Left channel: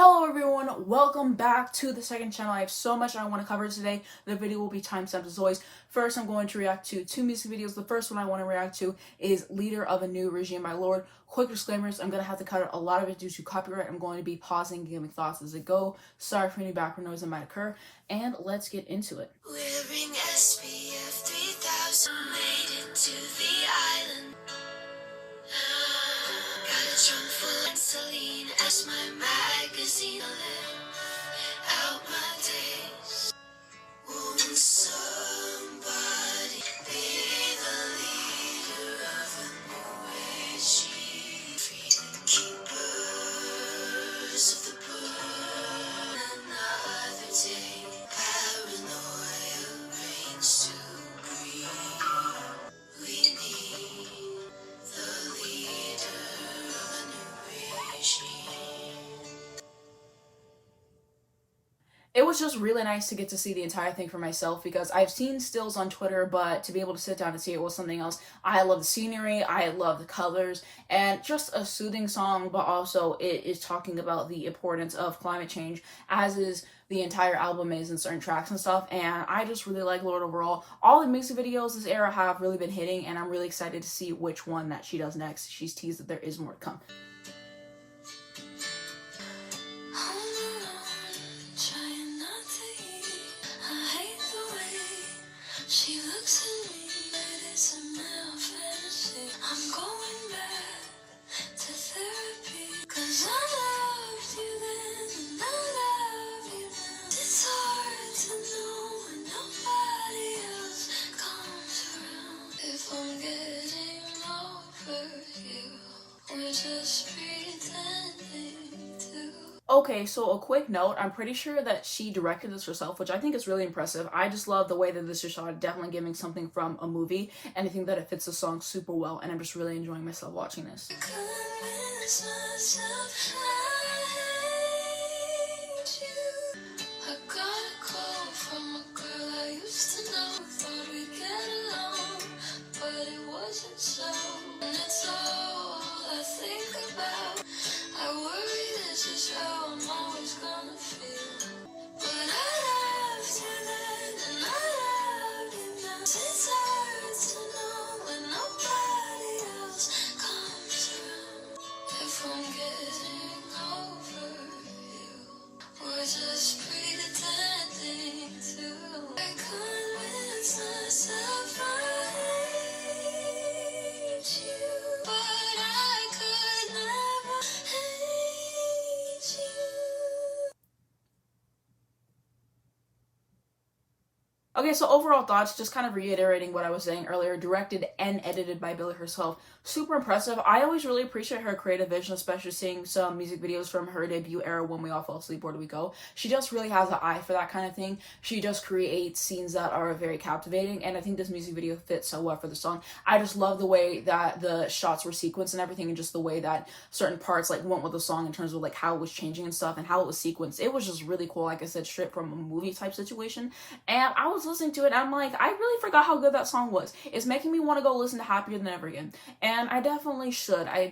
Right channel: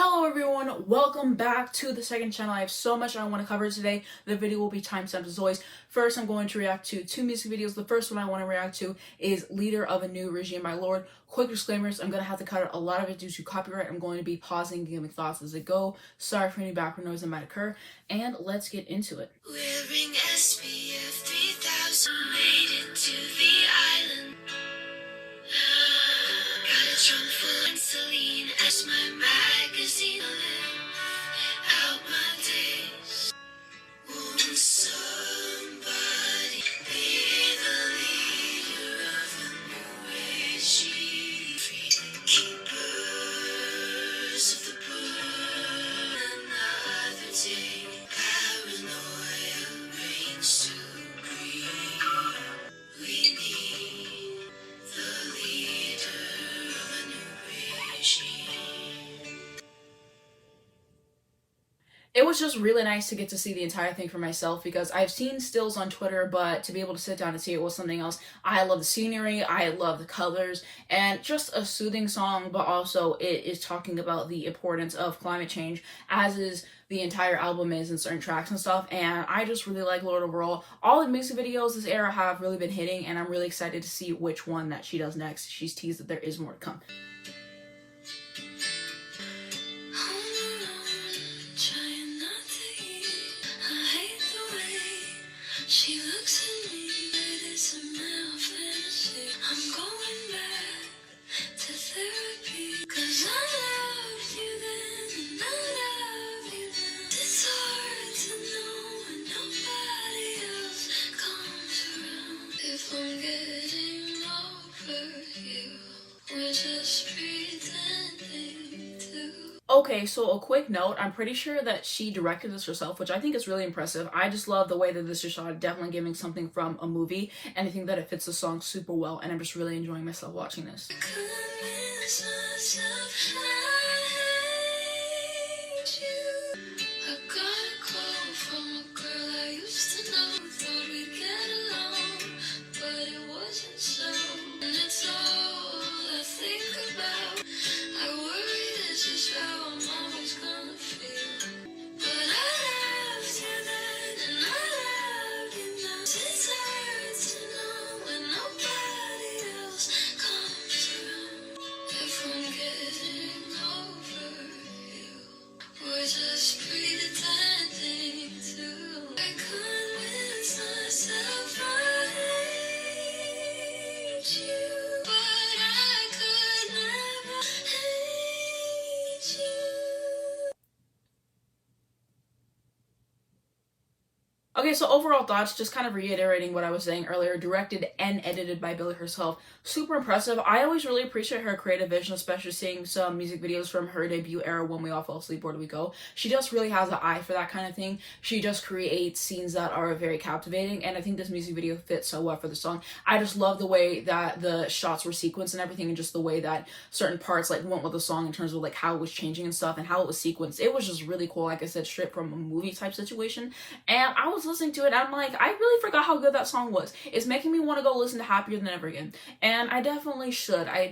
Hello everyone, welcome back to the second channel. I have so much I want to cover today. The video will be timestamped as always. First, I'm going to react to two music videos. The first one I want to react to is Leader of a New Regime by Lorde. Quick disclaimers, I'm going to have to cut out a lot of it due to copyright. I'm going to be pausing and giving thoughts as I go. Sorry for any background noise that might occur. And let's get into it. Wearing SPF 3000, made it to the island. Got a trunk full of Celine as my magazine. Out my days. Won't somebody be the leader of a new regime? Free the keepers of the bird. Another day, paranoia reigns supreme. We need the leader of a new regime. It was just really nice to get to see the entire thing for myself because I've seen stills on Twitter, but to be able to sit down and see it was something else. I love the scenery, I love the colors, and just a soothing song, but also it is talking about the importance of climate change, as is the entire album is in certain tracks and stuff. And I just really like Lorde overall. All the music videos this era have really been hitting, and I'm really excited to see which one that she does next. She's teased that there is more to come. She looks at me, but it's a male fantasy. I'm going back to therapy, 'cause I loved you then, and I love you now. It's hard to know when nobody else comes around. If I'm getting over you, we're just pretending to. Okay, so a quick note, I'm pretty sure that she directed this herself, which I think is really impressive. I just love the way that this is shot, definitely giving something from a movie, and I think that it fits the song super well, and I'm just really enjoying myself watching this. Convince myself I hate you. I got a call from a girl I used to know. Thought we'd get along, but it wasn't so. And it's all I think about. I worry this is how I'm always gonna feel. But I loved you then, and I love you now. It's hard to know when nobody else comes around. If I'm getting over you, we're just pretending to. I convince myself I hate you, but I could never hate you. Okay, so overall thoughts, just kind of reiterating what I was saying earlier, directed and edited by Billie herself. Super impressive. I always really appreciate her creative vision, especially seeing some music videos from her debut era, When We All Fell Asleep, Where Do We Go? She just really has an eye for that kind of thing. She just creates scenes that are very captivating, and I think this music video fits so well for the song. I just love the way that the shots were sequenced and everything, and just the way that certain parts like went with the song in terms of like how it was changing and stuff and how it was sequenced. It was just really cool, like I said, straight from a movie type situation. And I was listening to it, I'm like, I really forgot how good that song was. It's making me want to go listen to Happier Than Ever Again. And I definitely should. I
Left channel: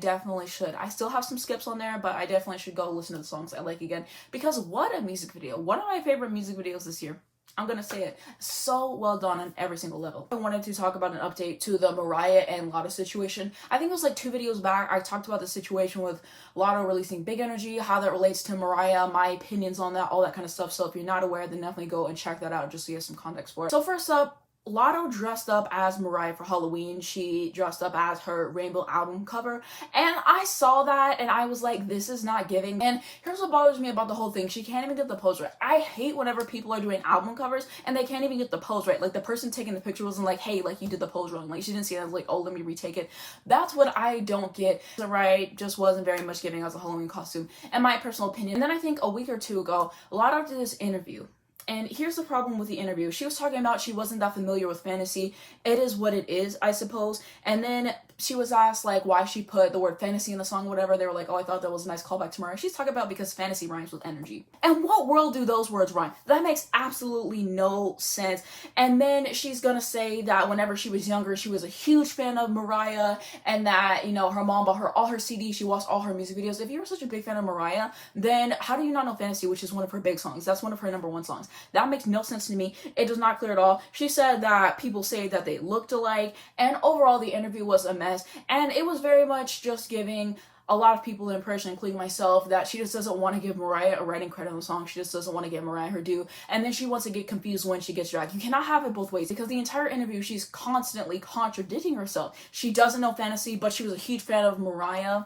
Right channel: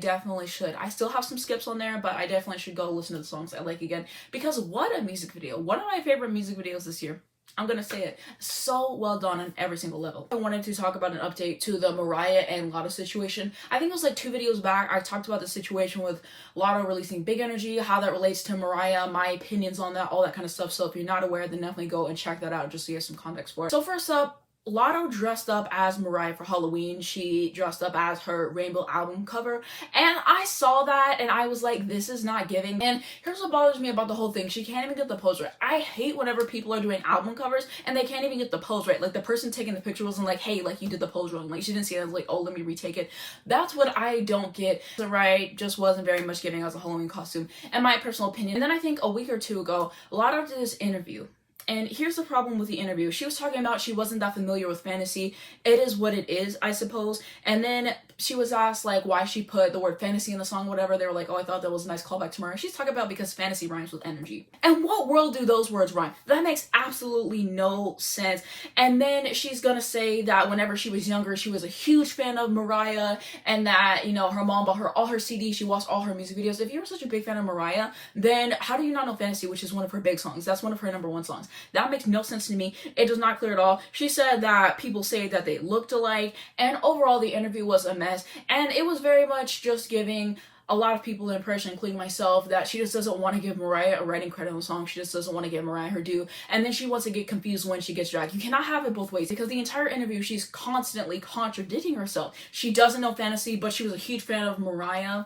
still have some skips on there, but I definitely should go listen to the songs I like again. Because what a music video. One of my favorite music videos this year. I'm gonna say it. So well done on every single level. I wanted to talk about an update to the Mariah and Latto situation. I think it was like 2 videos back, I talked about the situation with Latto releasing Big Energy, how that relates to Mariah, my opinions on that, all that kind of stuff. So if you're not aware, then definitely go and check that out just so you have some context for it. So first up, Latto dressed up as Mariah for Halloween. She dressed up as her Rainbow album cover, and I saw that and I was like, this is not giving. And here's what bothers me about the whole thing. She can't even get the pose right. I hate whenever people are doing album covers and they can't even get the pose right. Like the person taking the picture wasn't like, hey, like you did the pose wrong. Like she didn't see it. I was like, oh, let me retake it. That's what I don't get. The right just wasn't very much giving as a Halloween costume, in my personal opinion. And then I think a week or two ago, Latto did this interview. And here's the problem with the interview. She was talking about she wasn't that familiar with fantasy. It is what it is, I suppose. And then she was asked like why she put the word fantasy in the song, whatever. They were like, oh, I thought that was a nice callback to Mariah. She's talking about because fantasy rhymes with energy. And what world do those words rhyme? That makes absolutely no sense. And then she's gonna say that whenever she was younger, she was a huge fan of Mariah, and that, you know, her mom bought her all her CDs, she watched all her music videos. If you were such a big fan of Mariah, then how do you not know Fantasy, which is one of her big songs? That's one of her #1 songs. That makes no sense to me. It does not clear at all. She said that people say that they looked alike, and overall the interview was a mess, and it was very much just giving a lot of people the impression, including myself, that she just doesn't want to give Mariah a writing credit on the song. She just doesn't want to give Mariah her due. And then she wants to get confused when she gets dragged. You cannot have it both ways, because the entire interview, she's constantly contradicting herself. She doesn't know Fantasy, but she was a huge fan of Mariah.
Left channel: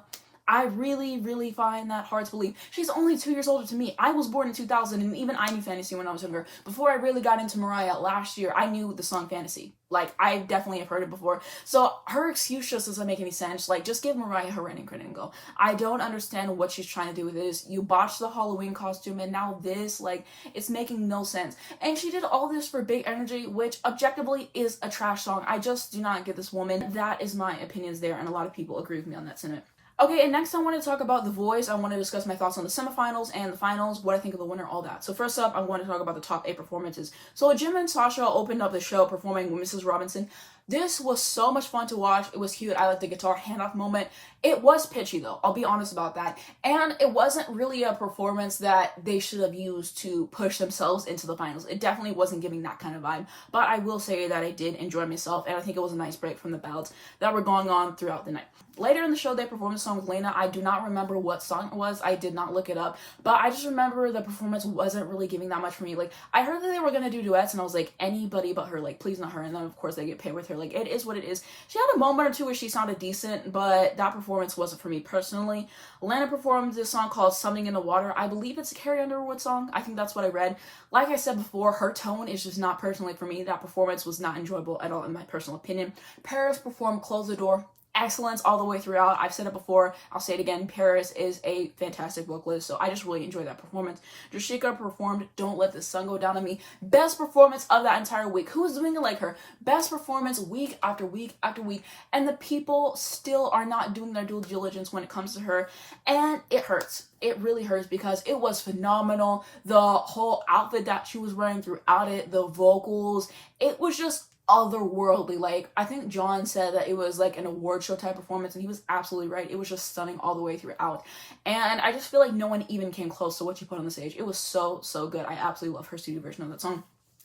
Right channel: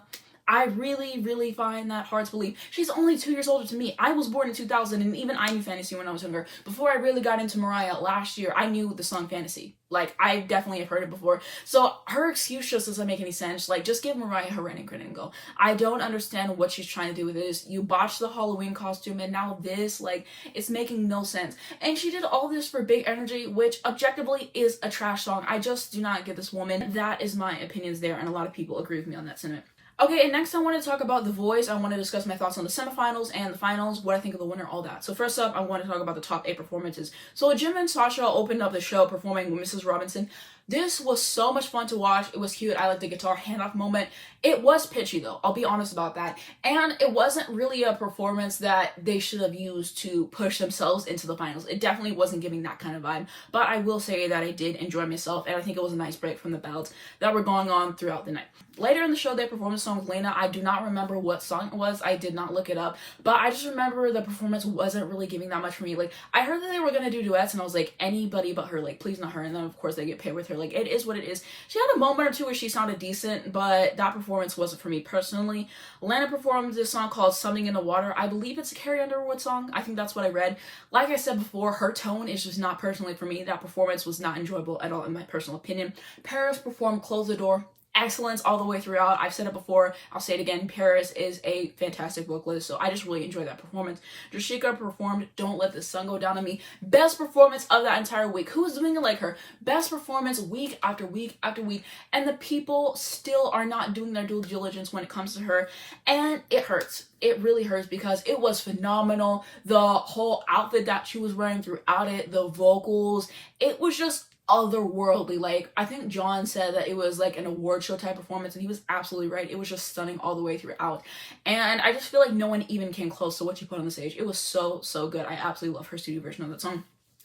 I really, really find that hard to believe. She's only 2 years older than me. I was born in 2000, and even I knew Fantasy when I was younger. Before I really got into Mariah last year, I knew the song Fantasy. Like, I definitely have heard it before. So her excuse just doesn't make any sense. Like, just give Mariah her writing credit and go. I don't understand what she's trying to do with this. You botched the Halloween costume, and now this, like, it's making no sense. And she did all this for Big Energy, which objectively is a trash song. I just do not get this woman. That is my opinions there, and a lot of people agree with me on that sentiment. Okay, and next I want to talk about The Voice. I want to discuss my thoughts on the semifinals and the finals, what I think of the winner, all that. So first up, I want to talk about the top 8 performances. So Jim and Sasha opened up the show performing with Mrs. Robinson. This was so much fun to watch. It was cute. I liked the guitar handoff moment. It was pitchy though, I'll be honest about that. And it wasn't really a performance that they should have used to push themselves into the finals. It definitely wasn't giving that kind of vibe. But I will say that I did enjoy myself, and I think it was a nice break from the ballads that were going on throughout the night. Later in the show, they performed a song with Lena. I do not remember what song it was. I did not look it up. But I just remember the performance wasn't really giving that much for me. Like, I heard that they were going to do duets, and I was like, anybody but her. Like, please not her. And then, of course, they get paired with her. Like, it is what it is. She had a moment or two where she sounded decent, but that performance wasn't for me personally. Lena performed this song called Something in the Water. I believe it's a Carrie Underwood song. I think that's what I read. Like I said before, her tone is just not personally for me. That performance was not enjoyable at all, in my personal opinion. Paris performed Close the Door. Excellence all the way throughout. I've said it before, I'll say it again. Paris is a fantastic vocalist, so I just really enjoyed that performance. Drashika performed Don't Let the Sun Go Down on Me. Best performance of that entire week. Who is doing it like her? Best performance week after week after week, and the people still are not doing their due diligence when it comes to her, and it hurts. It really hurts because it was phenomenal. The whole outfit that she was wearing throughout it, the vocals, it was just otherworldly. Like, I think John said that it was like an award show type performance, and he was absolutely right. It was just stunning all the way throughout, and I just feel like no one even came close to what she put on the stage. It was so good. I absolutely love her studio version of that song.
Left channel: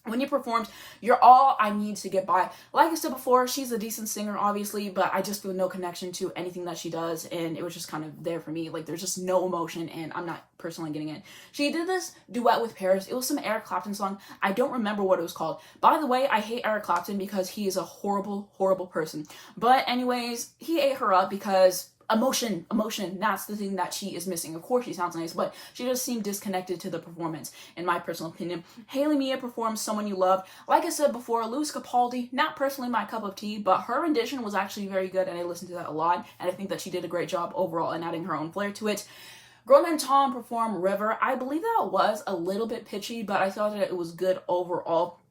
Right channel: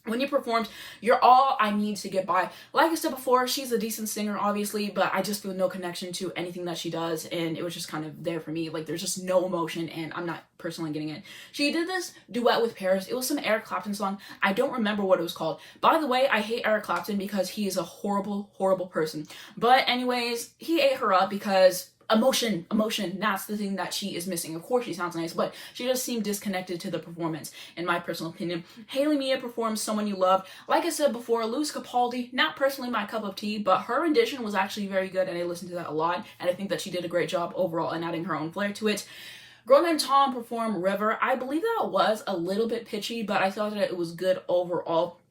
When you performed, you're all I need to get by. Like I said before, she's a decent singer, obviously, but I just feel no connection to anything that she does, and it was just kind of there for me. Like, there's just no emotion, and I'm not personally getting it. She did this duet with Paris. It was some Eric Clapton song. I don't remember what it was called. By the way, I hate Eric Clapton because he is a horrible person. But anyways, he ate her up because emotion, that's the thing that she is missing. Of course she sounds nice, but she just seemed disconnected to the performance, in my personal opinion. Haley Mia performed Someone You Love. Like I said before, Louis Capaldi, not personally my cup of tea, but her rendition was actually very good, and I listened to that a lot, and I think that she did a great job overall in adding her own flair to it. Grown Man Tom performed River. I believe that it was a little bit pitchy, but I thought that it was good overall.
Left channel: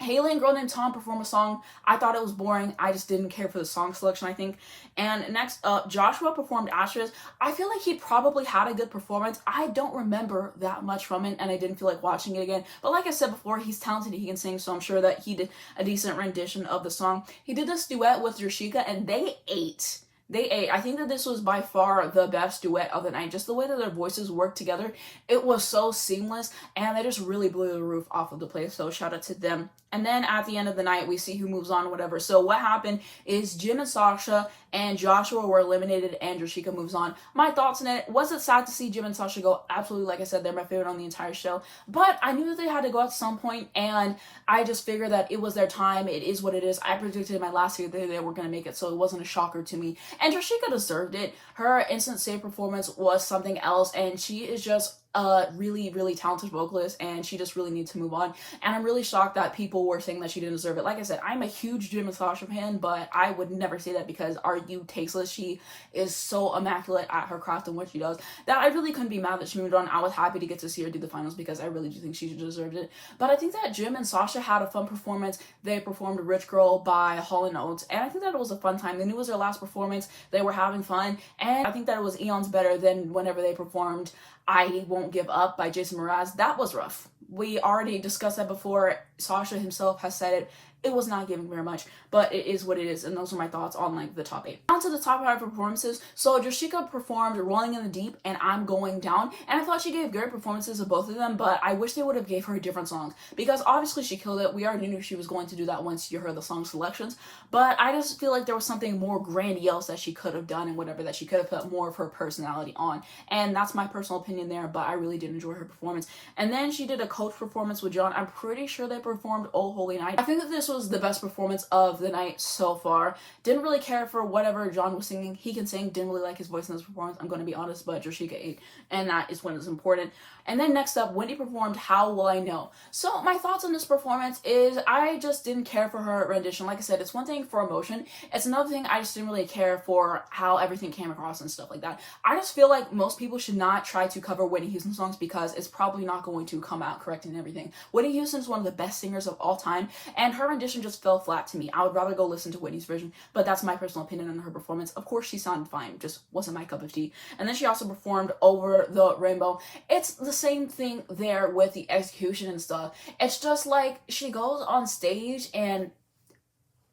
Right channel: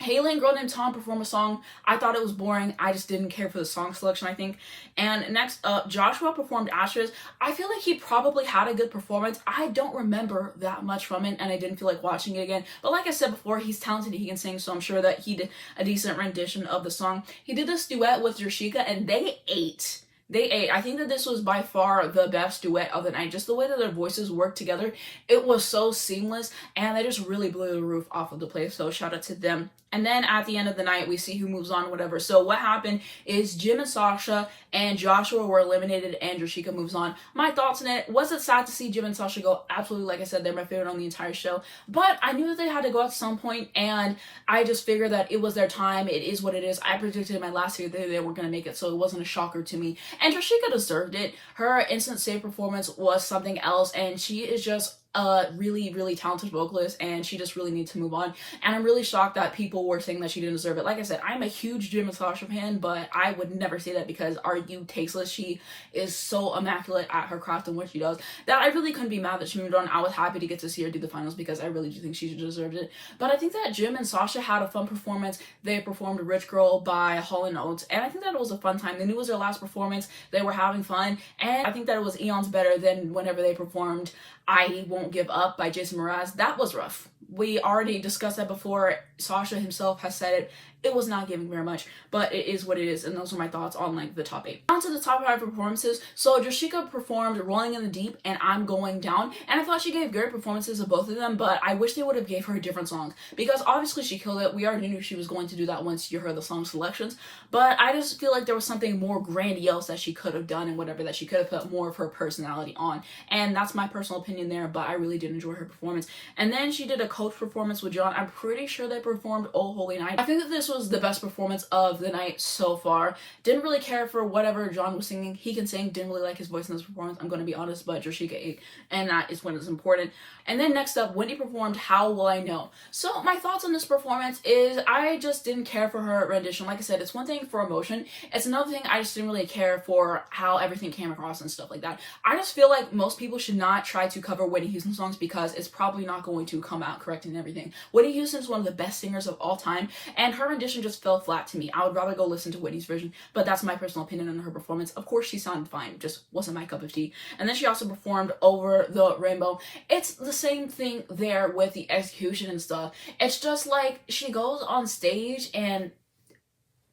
Haley and Grown and Tom performed a song. I thought it was boring. I just didn't care for the song selection, I think. And next up, Joshua performed Ashes. I feel like he probably had a good performance. I don't remember that much from it, and I didn't feel like watching it again. But like I said before, he's talented, he can sing, so I'm sure that he did a decent rendition of the song. He did this duet with Drashika, and they ate. I think that this was by far the best duet of the night. Just the way that their voices worked together, it was so seamless, and they just really blew the roof off of the place, so shout out to them. And then at the end of the night, we see who moves on, whatever. So what happened is Jim and Sasha and Joshua were eliminated, and Drashika moves on. My thoughts on it: was it sad to see Jim and Sasha go? Absolutely. Like I said, they're my favorite on the entire show. But I knew that they had to go at some point, and I just figured that it was their time. It is what it is. I predicted in my last video that they weren't going to make it, so it wasn't a shocker to me. And Drashika deserved it. Her instant save performance was something else, and she is just a really, really talented vocalist, and she just really needs to move on. And I'm really shocked that people were saying that she didn't deserve it. Like I said, I'm a huge Jim and Sasha fan, but I would never say that because are you tasteless? She is so immaculate at her craft and what she does that I really couldn't be mad that she moved on. I was happy to get to see her do the finals because I really do think she deserved it. But I think that Jim and Sasha had a fun performance. They performed Rich Girl by Hall & Oates, and I think that it was a fun time. They knew it was their last performance. They were having fun, and I think that it was eons better than whenever they performed I Won't Give Up by Jason Mraz. That was rough. We already discussed that before. Sasha himself has said it. It was not giving very much, but it is what it is, and those are my thoughts on like the top 8. On to the top 5 performances. So Jashika performed Rolling in the Deep and I'm Going Down, and I thought she gave great performances of both of them, but I wish they would have gave her different songs because obviously she killed it. We already knew she was going to do that once you heard the song selections, but I just feel like there was something more grandiose that she could have done and whatever, that she could have put more of her personality on, and that's my personal opinion there, but I really did enjoy her performance. And then she did a coach performance with John. I'm pretty sure they performed Oh Holy Night. I think that this was the best performance of the night so far. Didn't really care for whatever John was singing. He can sing. Didn't really like his voice in this performance, I'm going to be honest, but Jashika ate, and that is when it's important. And then next up, Wendy performed How Will I Know. So my thoughts on this performance is I just didn't care for her rendition. Like I said, it's one thing for emotion. It's another thing I just didn't really care for how everything came across and stuff like that. I just feel like most people should not try to cover Whitney Houston songs because it's probably not going to come out correct and everything. Whitney Houston is one of the best singers of all time, and her rendition just fell flat to me. I would rather go listen to Whitney's version, but that's my personal opinion on her performance. Of course, she sounded fine, just wasn't my cup of tea. And then she also performed Over the Rainbow. It's the same thing there with the execution and stuff. It's just like she goes on stage and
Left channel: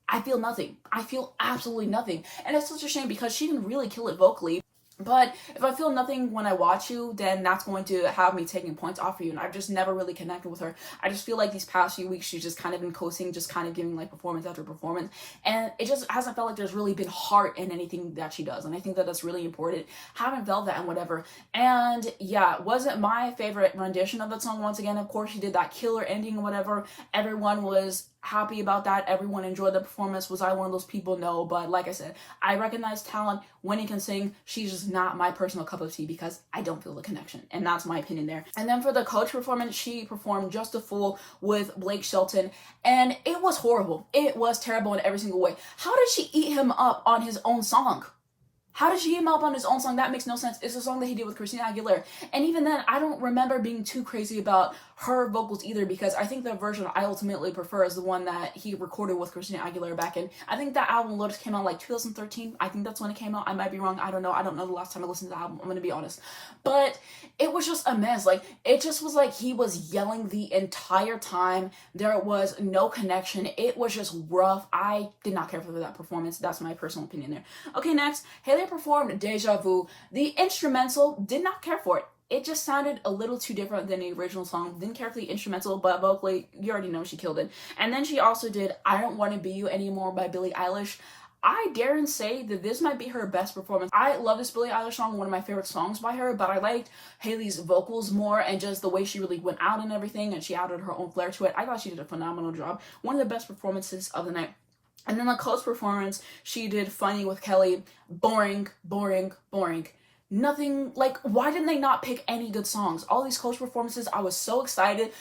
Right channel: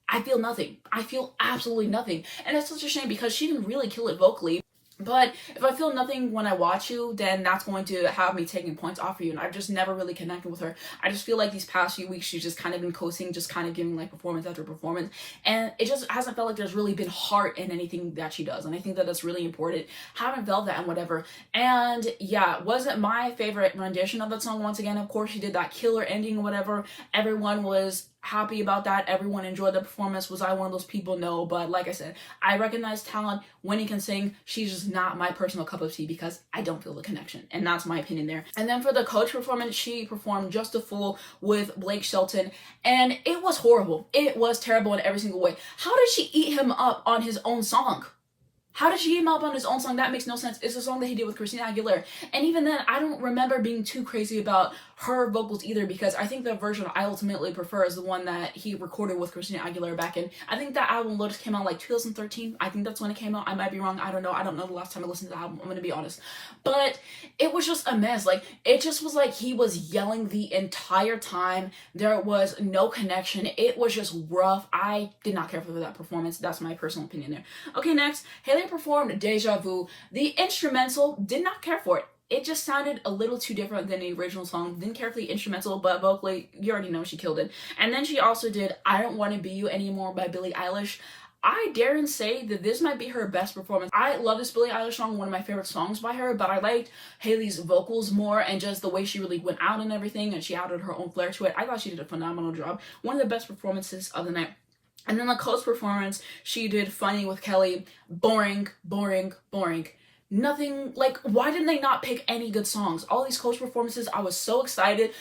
I feel nothing. I feel absolutely nothing. And it's such a shame because she didn't really kill it vocally. But if I feel nothing when I watch you, then that's going to have me taking points off of you. And I've just never really connected with her. I just feel like these past few weeks, she's just kind of been coasting, just kind of giving like performance after performance. And it just hasn't felt like there's really been heart in anything that she does. And I think that that's really important. Haven't felt that and whatever. And yeah, wasn't my favorite rendition of that song. Once again, of course, she did that killer ending or whatever. Everyone was happy about that. Everyone enjoyed the performance. Was I one of those people? No, but like I said, I recognize talent. Wendy can sing. She's just not my personal cup of tea because I don't feel the connection, and that's my opinion there. And then for the coach performance, she performed Just a Fool with Blake Shelton, and it was horrible. It was terrible in every single way. How did she eat him up on his own song? How did she eat him up on his own song? That makes no sense. It's a song that he did with Christina Aguilera. And even then, I don't remember being too crazy about her vocals either, because I think the version I ultimately prefer is the one that he recorded with Christina Aguilera back in, I think that album Lotus came out like 2013. I think that's when it came out. I might be wrong. I don't know the last time I listened to the album. I'm gonna be honest. But it was just a mess. Like, it just was like he was yelling the entire time. There was no connection. It was just rough. I did not care for that performance. That's my personal opinion there. Okay, next, Haley performed Deja Vu. The instrumental, did not care for it. It just sounded a little too different than the original song. Didn't care for the instrumental, but vocally, you already know she killed it. And then she also did I Don't Want to Be You Anymore by Billie Eilish. I dare and say that this might be her best performance. I love this Billie Eilish song, one of my favorite songs by her, but I liked Haley's vocals more and just the way she really went out and everything, and she added her own flair to it. I thought she did a phenomenal job. One of the best performances of the night. And then the Coast performance, she did Funny with Kelly. Boring, boring, boring. Nothing, like, why didn't they not pick any good songs? All these Coach performances, I was so excited.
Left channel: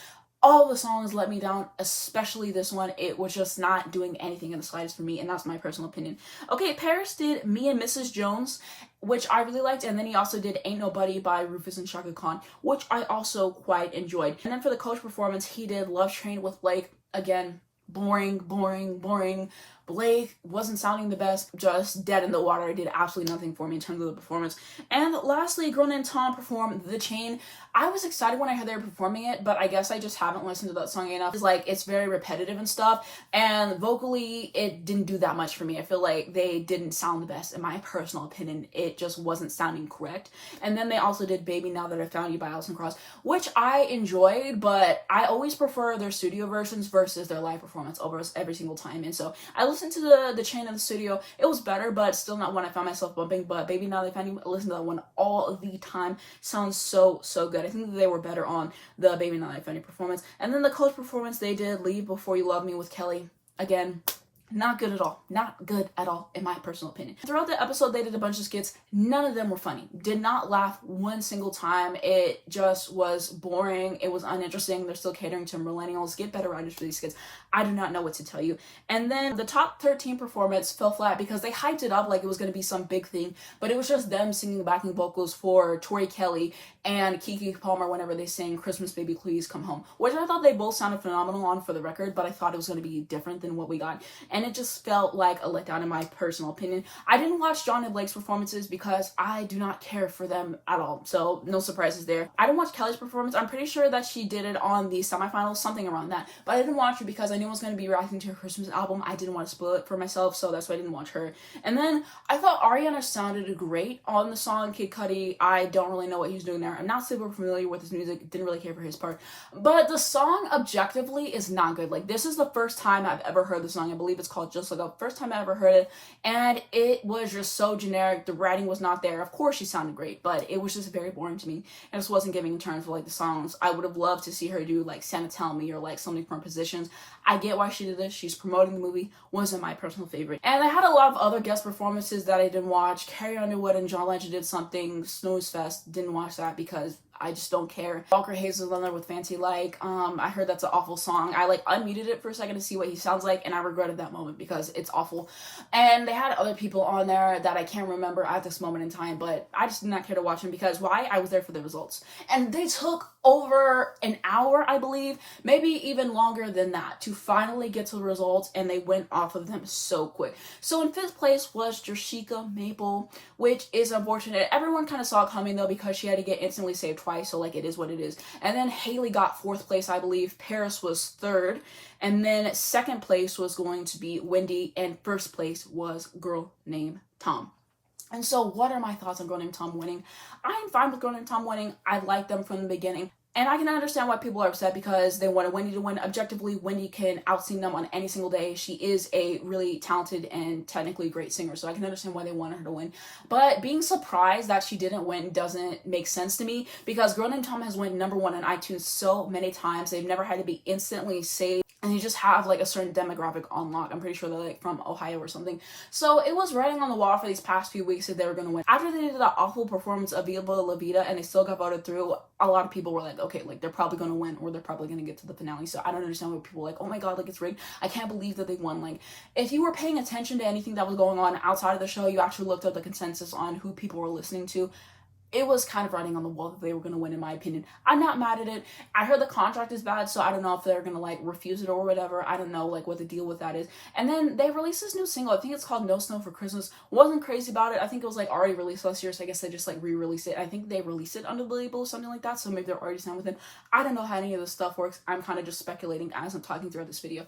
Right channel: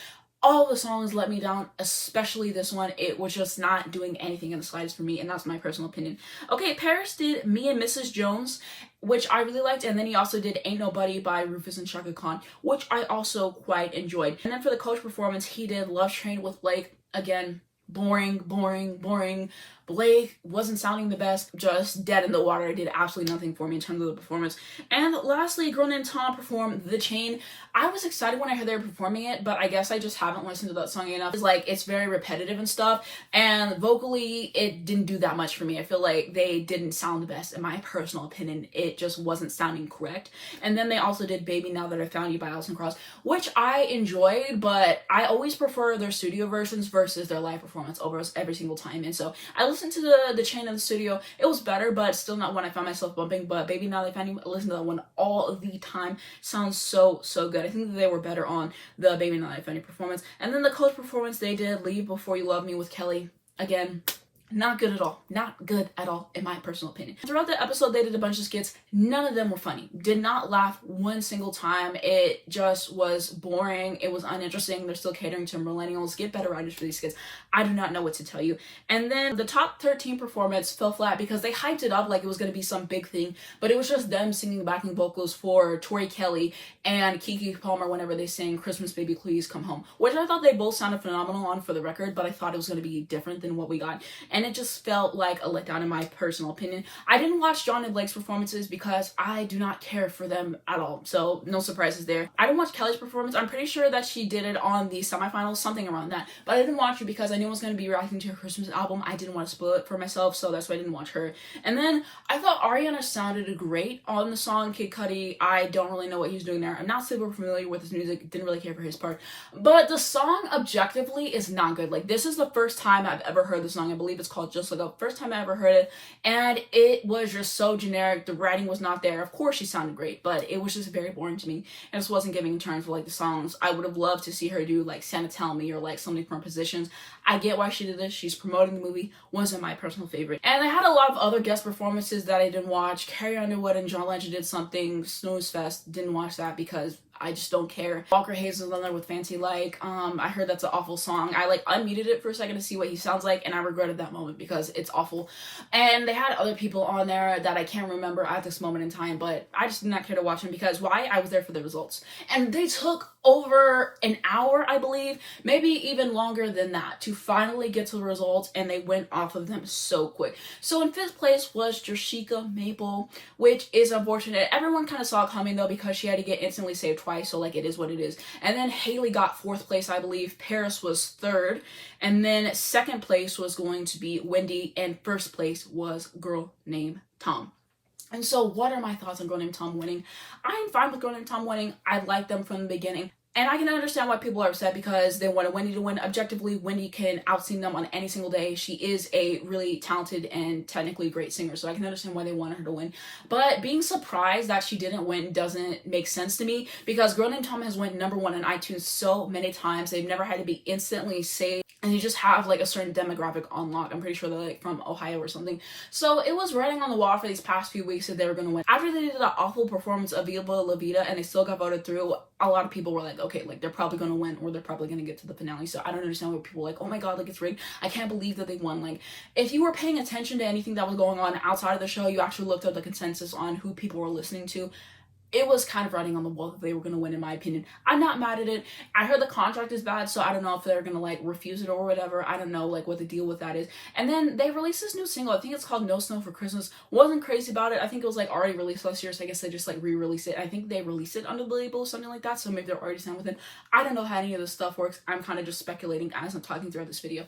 All the songs let me down, especially this one. It was just not doing anything in the slightest for me, and that's my personal opinion. Okay, Paris did Me and Mrs. Jones, which I really liked, and then he also did Ain't Nobody by Rufus and Chaka Khan, which I also quite enjoyed. And then for the Coach performance, he did Love Train with Blake. Again, boring, boring, boring. Blake wasn't sounding the best, just dead in the water. Did absolutely nothing for me in terms of the performance. And lastly, girl named Tom performed The Chain. I was excited when I heard they were performing it, but I guess I just haven't listened to that song enough. It's like, it's very repetitive and stuff, and vocally, it didn't do that much for me. I feel like they didn't sound the best, in my personal opinion. It just wasn't sounding correct. And then they also did Baby Now That I Found You by Alison Krauss, which I enjoyed, but I always prefer their studio versions versus their live performance over every single time. And so I listened to the Chain in the studio. It was better, but still not one I found myself bumping. But Baby Now That I Found You, I listen to that one all the time. Sounds so good. I think that they were better on the Baby Now That I Found You performance. And then the Coach performance, they did Leave Before You Love Me with Kelly. Again, Not good at all. Not good at all, in my personal opinion. Throughout the episode, they did a bunch of skits. None of them were funny. Did not laugh one single time. It just was boring. It was uninteresting. They're still catering to millennials. Get better writers for these skits. I do not know what to tell you. And then the top 13 performance fell flat because they hyped it up like it was going to be some big thing, but it was just them singing backing vocals for Tori Kelly and Keke Palmer whenever they sang Christmas Baby Please Come Home, which I thought they both sounded phenomenal on for the record, but I thought it was going to be different than what we got. And it just felt like a letdown in my personal opinion. I didn't watch John and Blake's performances because I do not care for them at all, so no surprises there. I didn't watch Kelly's performance. I'm pretty sure that she did it on the semifinals, something around that, but I didn't watch it because I knew I was going to be reacting to her Christmas album. I didn't want to spoil it for myself, so that's why I didn't watch her. And then I thought Ariana sounded great on the song Kid Cudi. I don't really know what he's doing there. I'm not super familiar with his music, didn't really care for his part, but the song objectively is not good. Like, this is the first time I've ever heard the song. I believe it's called Just Look Up. First time I ever heard it, and it was just so generic. The writing was not there. Of course she sounded great, but it was just very boring to me, and this wasn't giving in terms of like the songs. I would have loved to see her do like Santa Tell Me or like something from Positions. I get why she did this. She's promoting the movie. Wasn't my personal favorite. And I had a lot of other guest performances that I didn't watch. Carrie Underwood and John Legend did something. Snooze Fest. Didn't watch that because I just don't care. Walker Hayes was on there with Fancy Like. I heard that's an awful song. I like unmuted it for a second to see what he sounds like, and I regretted that moment because it's awful. And they had other people on there that I can't remember at this moment in time, but I just did not care to watch them because why? I was there for the results. And they took over an hour, I believe, maybe even longer than that, to finally get to the results, and they went off of them so quick. So in 5th place was Jershika Maple, which is unfortunate. Everyone kind of saw it coming though because she had to get instantly saved twice, so like it is what it is. And then Haley got 4th place, I believe. Paris was 3rd, and then 2nd place was going to be Wendy, and 1st place was Girl Named Tom. And so what are my thoughts on Girl Named Tom winning? I'm fine with Girl Named Tom winning. I liked them from the beginning. And I can understand why people are upset because they wanted Wendy to win. Objectively, Wendy can out-sing them on any single day. She is a really talented and technically great singer, so I can understand why they wanted her to win. But being surprised that she didn't win doesn't make sense to me because Girl Named Tom has went #1 on iTunes so many times. They've never had to be instantly saved. And you just have like a certain demographic on lock. I'm pretty sure they're like from Ohio or something. So it was writing on the wall for these past few weeks that they were going to win. After they did that awful performance of Viva La Vida and they still got voted through, a lot of people were like, okay, like they're probably going to win or they're probably going to get to the finale. So I don't understand why people were like, oh my god, like it's rigged. I can't believe that they won. Like, if you were paying attention to anything that was going on outside of the show, you actually looked up the consensus on who people were listening to. It was kind of writing on the wall that they were going to win, in my opinion. I'm not mad at it. I heard the contract is bad, so I don't know if they're going to, like, refuse it or whatever. I don't know, like, what the deal with that is. And then they released this new single. I think it's called No Snow for Christmas. Wasn't crazy about it. I think it was, like, already released last year, so I guess they just, like, re-released it. I think they released it under the label or something like that, so maybe they're already signed with it. I don't know how any of this stuff works. I'm kind of just speculating as I'm talking throughout this video.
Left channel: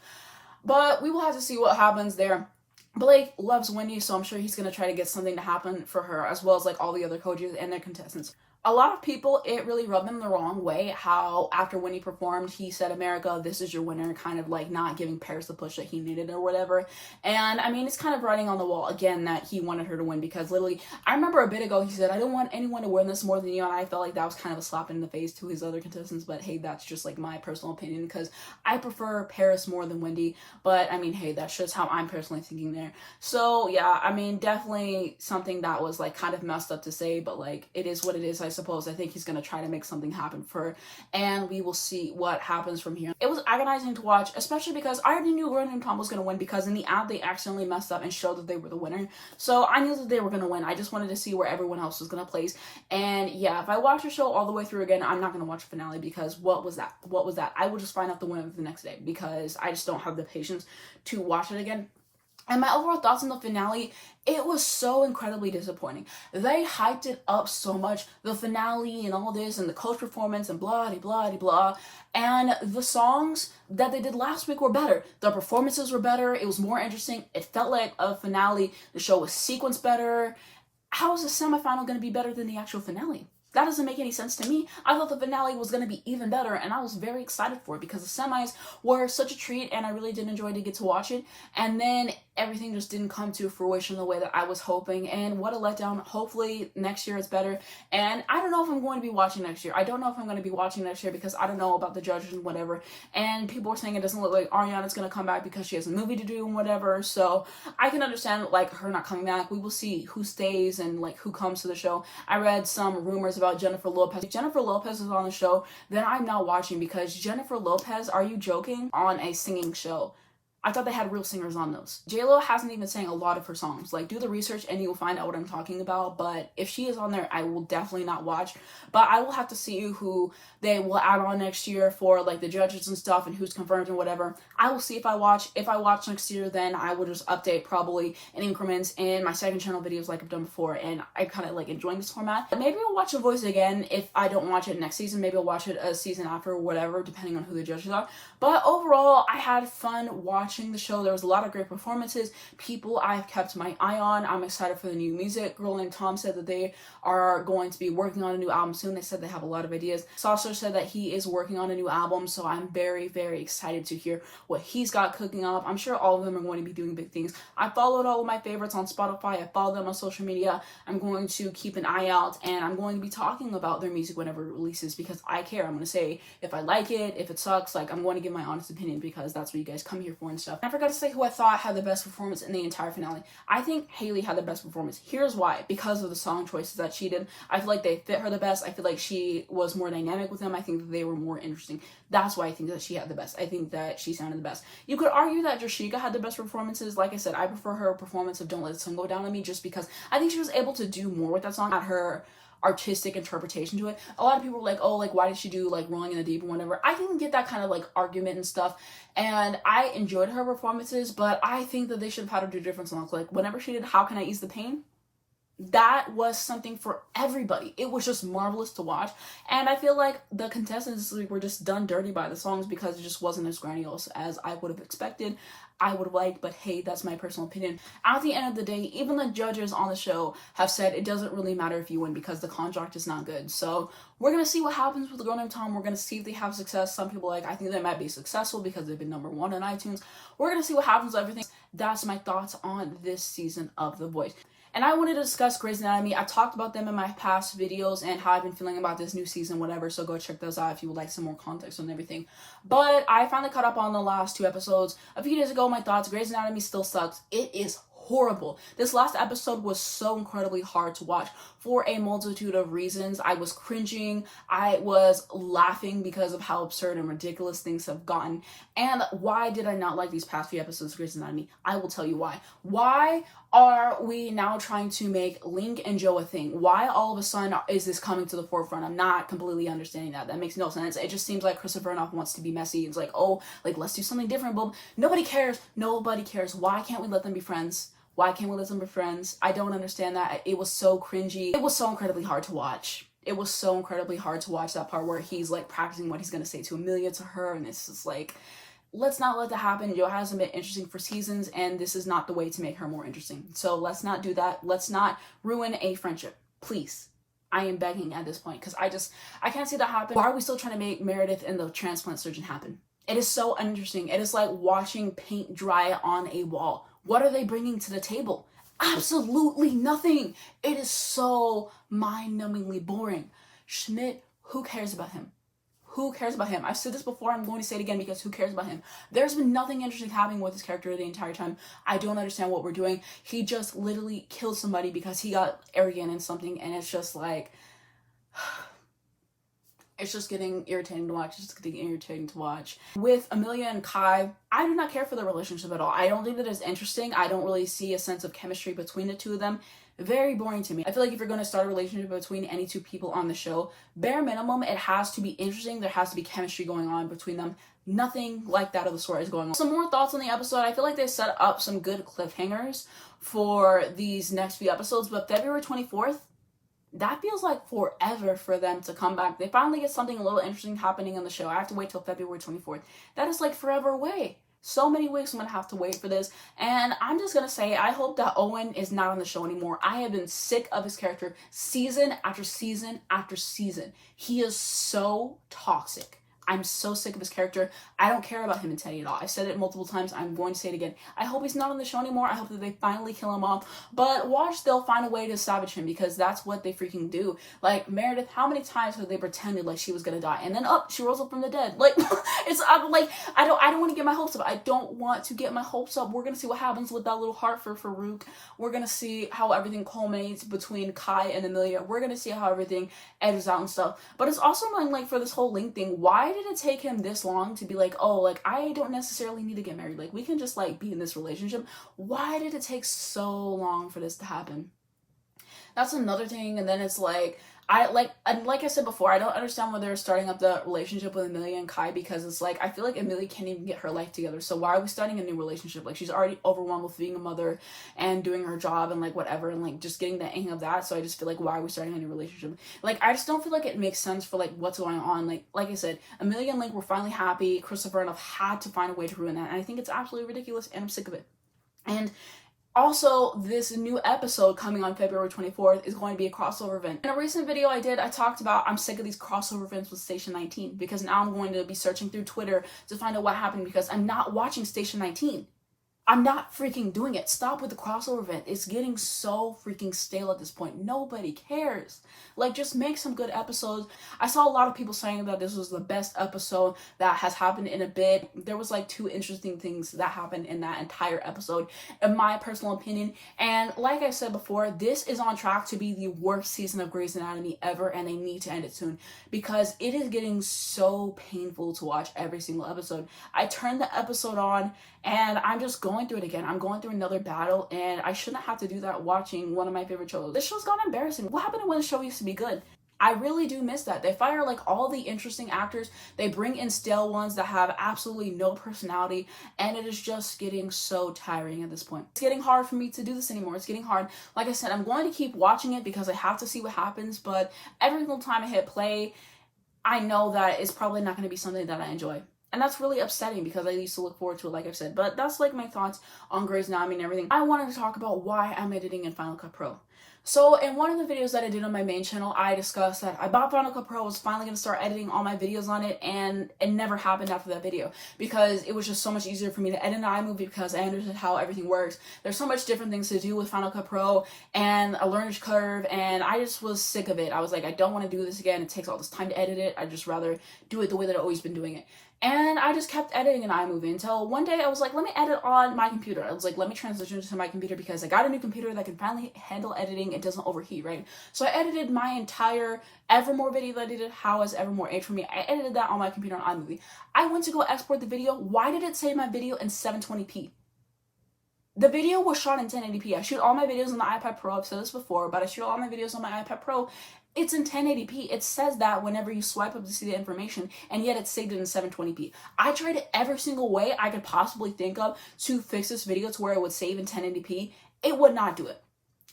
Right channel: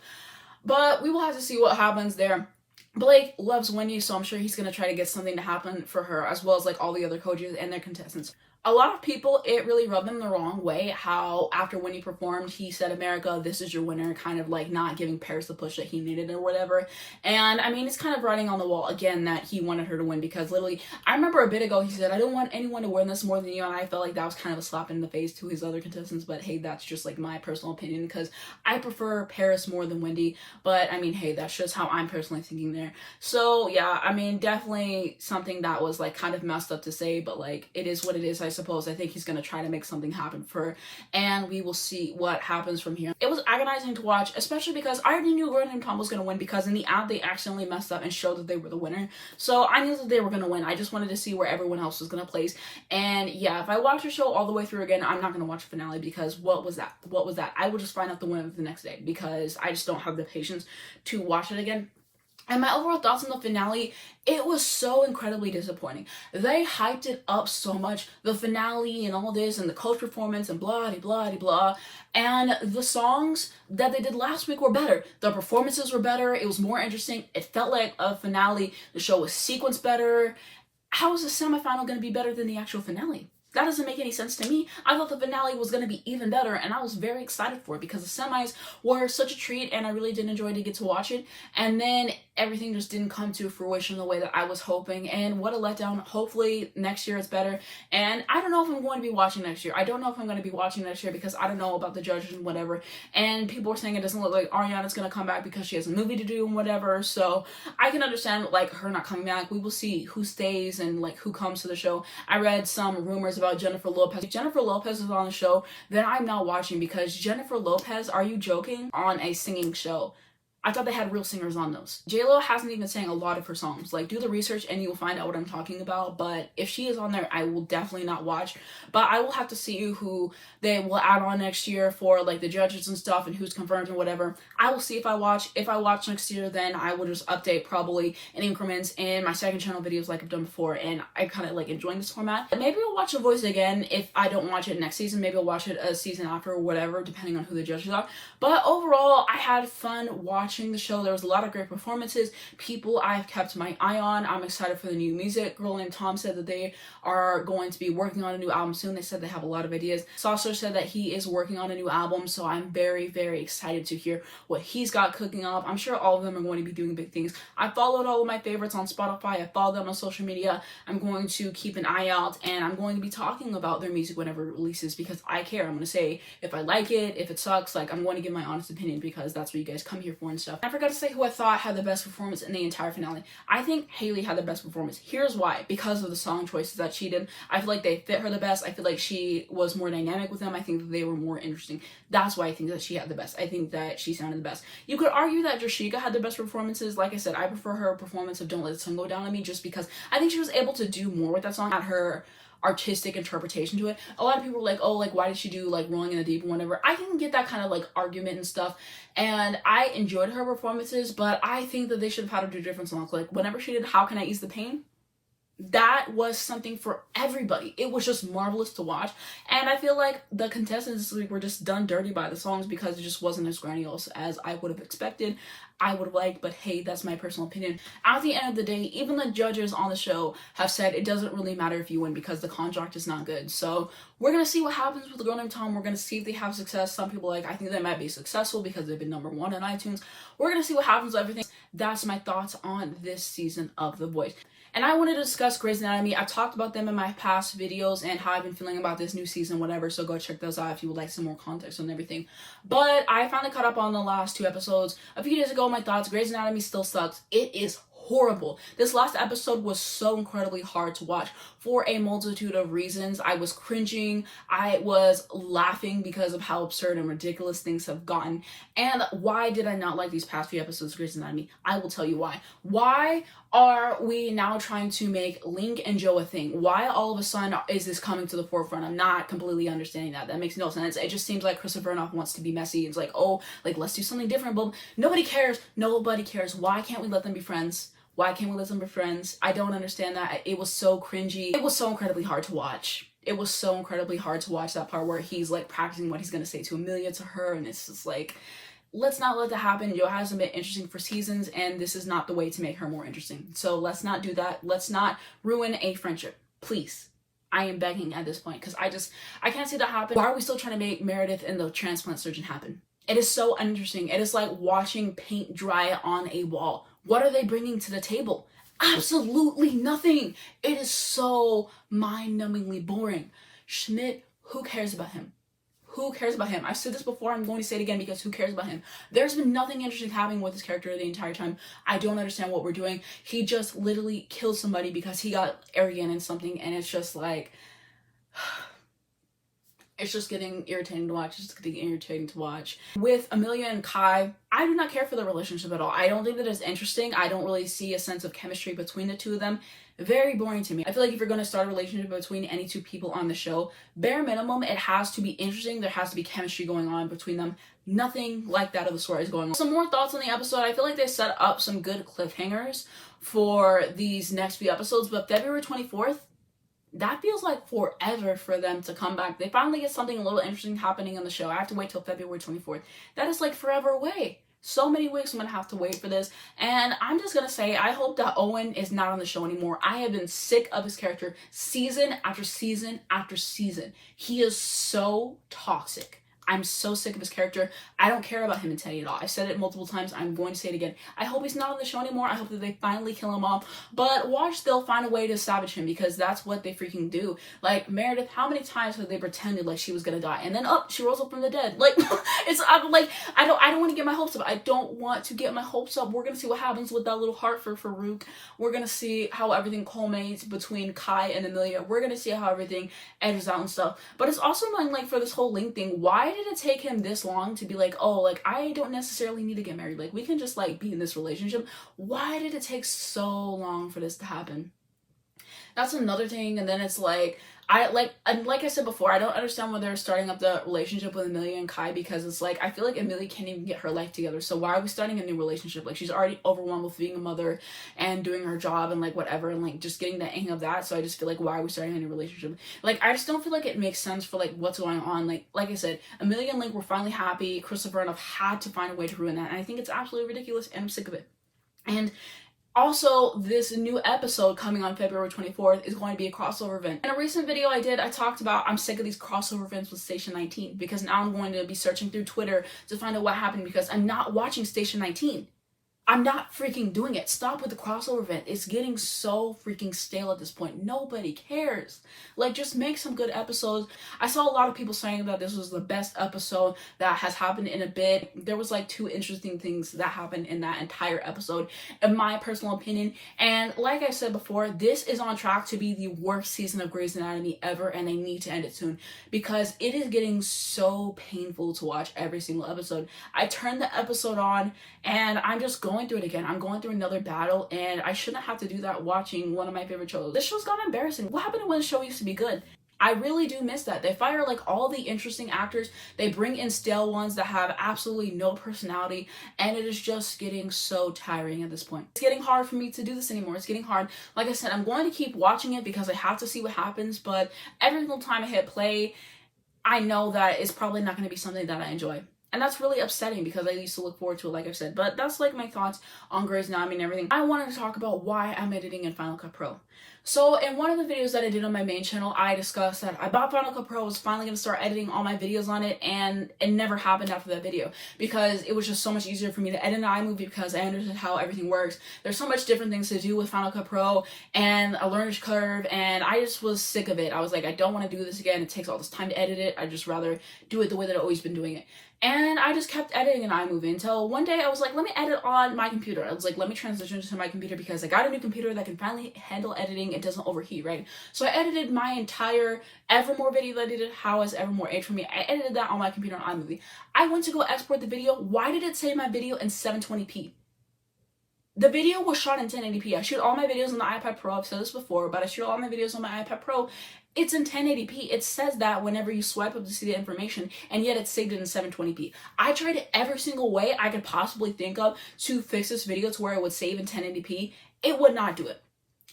But we will have to see what happens there. Blake loves Wendy, so I'm sure he's going to try to get something to happen for her, as well as, like, all the other coaches and their contestants. A lot of people, it really rubbed them the wrong way how after Wendy performed, he said, America, this is your winner, kind of like not giving Paris the push that he needed or whatever. And I mean, it's kind of writing on the wall again that he wanted her to win because literally, I remember a bit ago he said, I don't want anyone to win this more than you, and I felt like that was kind of a slap in the face to his other contestants, but hey, that's just like my personal opinion because I prefer Paris more than Wendy, but I mean, hey, that's just how I'm personally thinking there. So yeah, I mean, definitely something that was like kind of messed up to say, but like, it is what it is, I suppose. I think he's going to try to make something happen for her, and we will see what happens from here. It was agonizing to watch, especially because I already knew Gordon and Tom was going to win because in the ad they accidentally messed up and showed that they were the winner. So I knew that they were going to win. I just wanted to see where everyone else was going to place. And yeah, if I watch the show all the way through again, I'm not going to watch the finale because what was that? What was that? I will just find out the winner the next day because I just don't have the patience to watch it again. And my overall thoughts on the finale, it was so incredibly disappointing. They hyped it up so much, the finale and all this and the coach performance and blah, blah, blah, blah. And the songs that they did last week were better. The performances were better. It was more interesting. It felt like a finale. The show was sequenced better. How is the semifinal going to be better than the actual finale? That doesn't make any sense to me. I thought the finale was going to be even better, and I was very excited for it because the semis were such a treat, and I really did enjoy to get to watch it. And then everything just didn't come to fruition the way that I was hoping, and what a letdown. Hopefully next year it's better, and I don't know if I'm going to be watching next year. I don't know if I'm going to be watching next year because I don't know about the judges and whatever, and people are saying it doesn't look like Ariana's going to come back because she has a movie to do and whatever, so I can understand like her not coming back. We will see who stays and like who comes to the show. I read some rumors about Jennifer Lopez. If Jennifer Lopez is on the show, then I'm not watching, because Jennifer Lopez, are you joking? On a singing show. I thought they had real singers on those. JLo hasn't even sang a lot of her songs. Like, do the research and you'll find out what I'm talking about. But if she is on there, I will definitely not watch. But I will have to see who they will add on next year for like the judges and stuff and who's confirmed and whatever. I will see if I watch. If I watch next year, then I will just update probably in increments in my second channel videos like I've done before. And I kind of like enjoying this format. Maybe I'll watch The Voice again if I don't watch it next season. Maybe I'll watch it a season after or whatever, depending on who the judges are. But overall, I had fun watching the show. There was a lot of great performances. People I've kept my eye on. I'm excited for the new music. Girl named Tom said that they are going to be working on a new album soon. They said they have a lot of ideas. Saucer said that he is working on a new album, so I'm very, very excited to hear what he's got cooking up. I'm sure all of them are going to be doing big things. I followed all of my favorites on Spotify. I follow them on social media. I'm going to keep an eye out, and I'm going to be talking about their music whenever it releases because I care. I'm going to say if I like it, if it sucks, like I'm going to give my honest opinion because that's what you guys come here for and stuff. I forgot to say who I thought had the best performance in the entire finale. I think Haley had the best performance. Here's why. Because of the song choices that she did. I feel like they fit her the best. I feel like she was more dynamic with them. I think that they were more interesting. That's why I think that she had the best. I think that she sounded the best. You could argue that Jashika had the best performances. Like I said, I prefer her performance of Don't Let the Sun Go Down on Me just because I think she was able to do more with that song at her artistic interpretation to it. A lot of people were like, oh, like why did she do like Rolling in the Deep and whatever. I can get that kind of like argument and stuff, and I enjoyed her performances, but I think that they should have had her do different songs. Like whenever she did How Can I Ease the Pain, that was something for everybody. It was just marvelous to watch, and I feel like the contestants were just done dirty by the songs because it just wasn't as grandiose as I would have expected. I would have liked, but hey, that's my personal opinion. At the end of the day, even the judges on the show have said it doesn't really matter if you win because the contract is not good. So we're gonna see what happens with the Girl Named Tom. We're gonna see if they have success. Some people I think they might be successful because they've been #1 on iTunes. We're gonna see what happens with everything. That's my thoughts on this season of The Voice. And I wanted to discuss Grey's Anatomy. I talked about them in my past videos and how I've been feeling about this new season, whatever. So go check those out if you would like some more context on everything. But I finally caught up on the last 2 episodes. A few days ago, my thoughts, Grey's Anatomy still sucks. It is horrible. This last episode was so incredibly hard to watch for a multitude of reasons. I was cringing. I was laughing because of how absurd and ridiculous things have gotten. And why did I not like these past few episodes of Grey's Anatomy? I will tell you why. Why are we now trying to make Link and Joe a thing? Why all of a sudden is this coming to the forefront? I'm not completely understanding that. That makes no sense. It just seems like Christopher Noff wants to be messy. It's like, oh, like let's do something different. But nobody cares. Nobody cares. Why can't we let them be friends? Why can't we let them be friends? I don't understand that. It was so cringy. It was so incredibly hard to watch. It was so incredibly hard to watch that part where he's like practicing what he's gonna say to Amelia to her, and it's just like, let's not let that happen. Joe hasn't been interesting for seasons, and this is not the way to make her more interesting. So let's not do that. Let's not ruin a friendship. Please. I am begging at this point, because I can't see that happen. Why are we still trying to make Meredith and the transplant surgeon happen? It is so uninteresting. It is like watching paint dry on a wall. What are they bringing to the table? Absolutely nothing. It is so mind-numbingly boring. Schmidt, who cares about him? Who cares about him? I've said this before, I'm going to say it again because who cares about him? There's been nothing interesting happening with this character the entire time. I don't understand what we're doing. He just literally killed somebody because he got arrogant in something, and it's just like, it's just getting irritating to watch. It's just getting irritating to watch. With Amelia and Kai, I do not care for the relationship at all. I don't think that it's interesting. I don't really see a sense of chemistry between the two of them. Very boring to me. I feel like if you're going to start a relationship between any 2 people on the show, bare minimum, it has to be interesting. There has to be chemistry going on between them. Nothing like that of the story is going on. Some more thoughts on the episode. I feel like they set up some good cliffhangers for these next few episodes, but February 24th, that feels like forever for them to come back. They finally get something a little interesting happening on the show. I have to wait till February 24th. That is like forever away. So many weeks I'm going to have to wait for this. And I'm just going to say, I hope that Owen is not on the show anymore. I have been sick of his character season after season after season. He is so toxic. I'm so sick of his character. I don't care about him in Teddy at all. I've said it multiple times. I'm going to say it again. I hope he's not on the show anymore. I hope that they finally kill him off. But watch, they'll find a way to savage him, because that's what they freaking do. Like, Meredith, how many times have they pretended like she was gonna die, and then she rolls up from the dead? Like, I'm like, I don't want to get my hopes up. I don't want to get my hopes up. We're gonna see what happens with that little heart for Farouk. We're gonna see how everything culminates between Kai and Amelia. We're gonna see how everything edges out and stuff. But it's also annoying, like, for this whole Link thing, why did it take him this long to be like, oh, like, I don't necessarily need to get married, like, we can just like be in this relationship? Why did it take so long for this to happen? That's another thing. And then it's like, like I said before, I don't understand why they're starting up the relationship with Amelia and Kai, because it's like, I feel like Amelia can't even get her life together. So why are we starting a new relationship? Like, she's already overwhelmed with being a mother and doing her job and like whatever, and like just getting the hang of that. So I just feel like, why are we starting a new relationship? Like, I just don't feel like it makes sense for like what's going on. Like I said, Amelia and Link were finally happy. Christopher and I've had to find a way to ruin that, and I think it's absolutely ridiculous, and I'm sick of it. And also, this new episode coming on February 24th is going to be a crossover event. In a recent video I did, I talked about I'm sick of these crossover events with Station 19, because now I'm going to be searching through Twitter to find out what happened, because I'm not watching Station 19. I'm not freaking doing it. Stop with the crossover event. It's getting so freaking stale at this point. Nobody cares. Like, just make some good episodes. I saw a lot of people saying that this was the best episode that has happened in a bit. There was like 2 interesting things that happened in that entire episode, in my personal opinion. And like I said before, this is on track to be the worst season of Grey's Anatomy ever, and they need to end it soon, because it is getting so painful to watch every single episode. I turned the episode on and I'm just going through it again. I'm going through another battle, and I shouldn't have to do that watching one of my favorite shows. This show's gotten embarrassing. What happened to when the show used to be good? I really do miss that. They fire like all the interesting actors. They bring in stale ones that have absolutely no personality, and it is just getting so tiring at this point. It's getting hard for me to do this anymore. It's getting hard. Like I said, I'm going to keep watching it because I have to see what happens, but every single time I hit play, I know that it's probably not going to be something that I enjoy. And that's really upsetting, because I used to look forward to it, like I've said. But that's like my thoughts on Grey's Anatomy and everything. I wanted to talk about why I'm editing in Final Cut Pro. So in one of the videos that I did on my main channel, I discussed that I bought Final Cut Pro, was finally going to start editing all my videos on it, and it never happened after that video, because it was just so much easier for me to edit an iMovie, because I understood how everything works. There's so much different things to do with Final Cut Pro and a learner's curve, and I just was sick of it. I was like, I don't want to do this again. It takes all this time to edit it. I'd just rather do it the way that I've always been doing it. And I just kept editing an iMovie until one day I was like, let me edit on my computer. I was like, let me transition to my computer, because I got a new computer that can finally handle editing. It doesn't overheat, right? So I edited my entire Evermore video that I did, How Is Evermore Age For Me. I edited that on my computer on iMovie. I went to go export the video. Why did it say my video in 720p? The video was shot in 1080p. I shoot all my videos on the iPad Pro. I've said this before, but I shoot all my videos on my iPad Pro. It's in 1080p. It says that whenever you swipe up to see the information, and yet it's saved it in 720p. I tried every single way I could possibly think of to fix this video to where it would save in 1080p. It would not do it.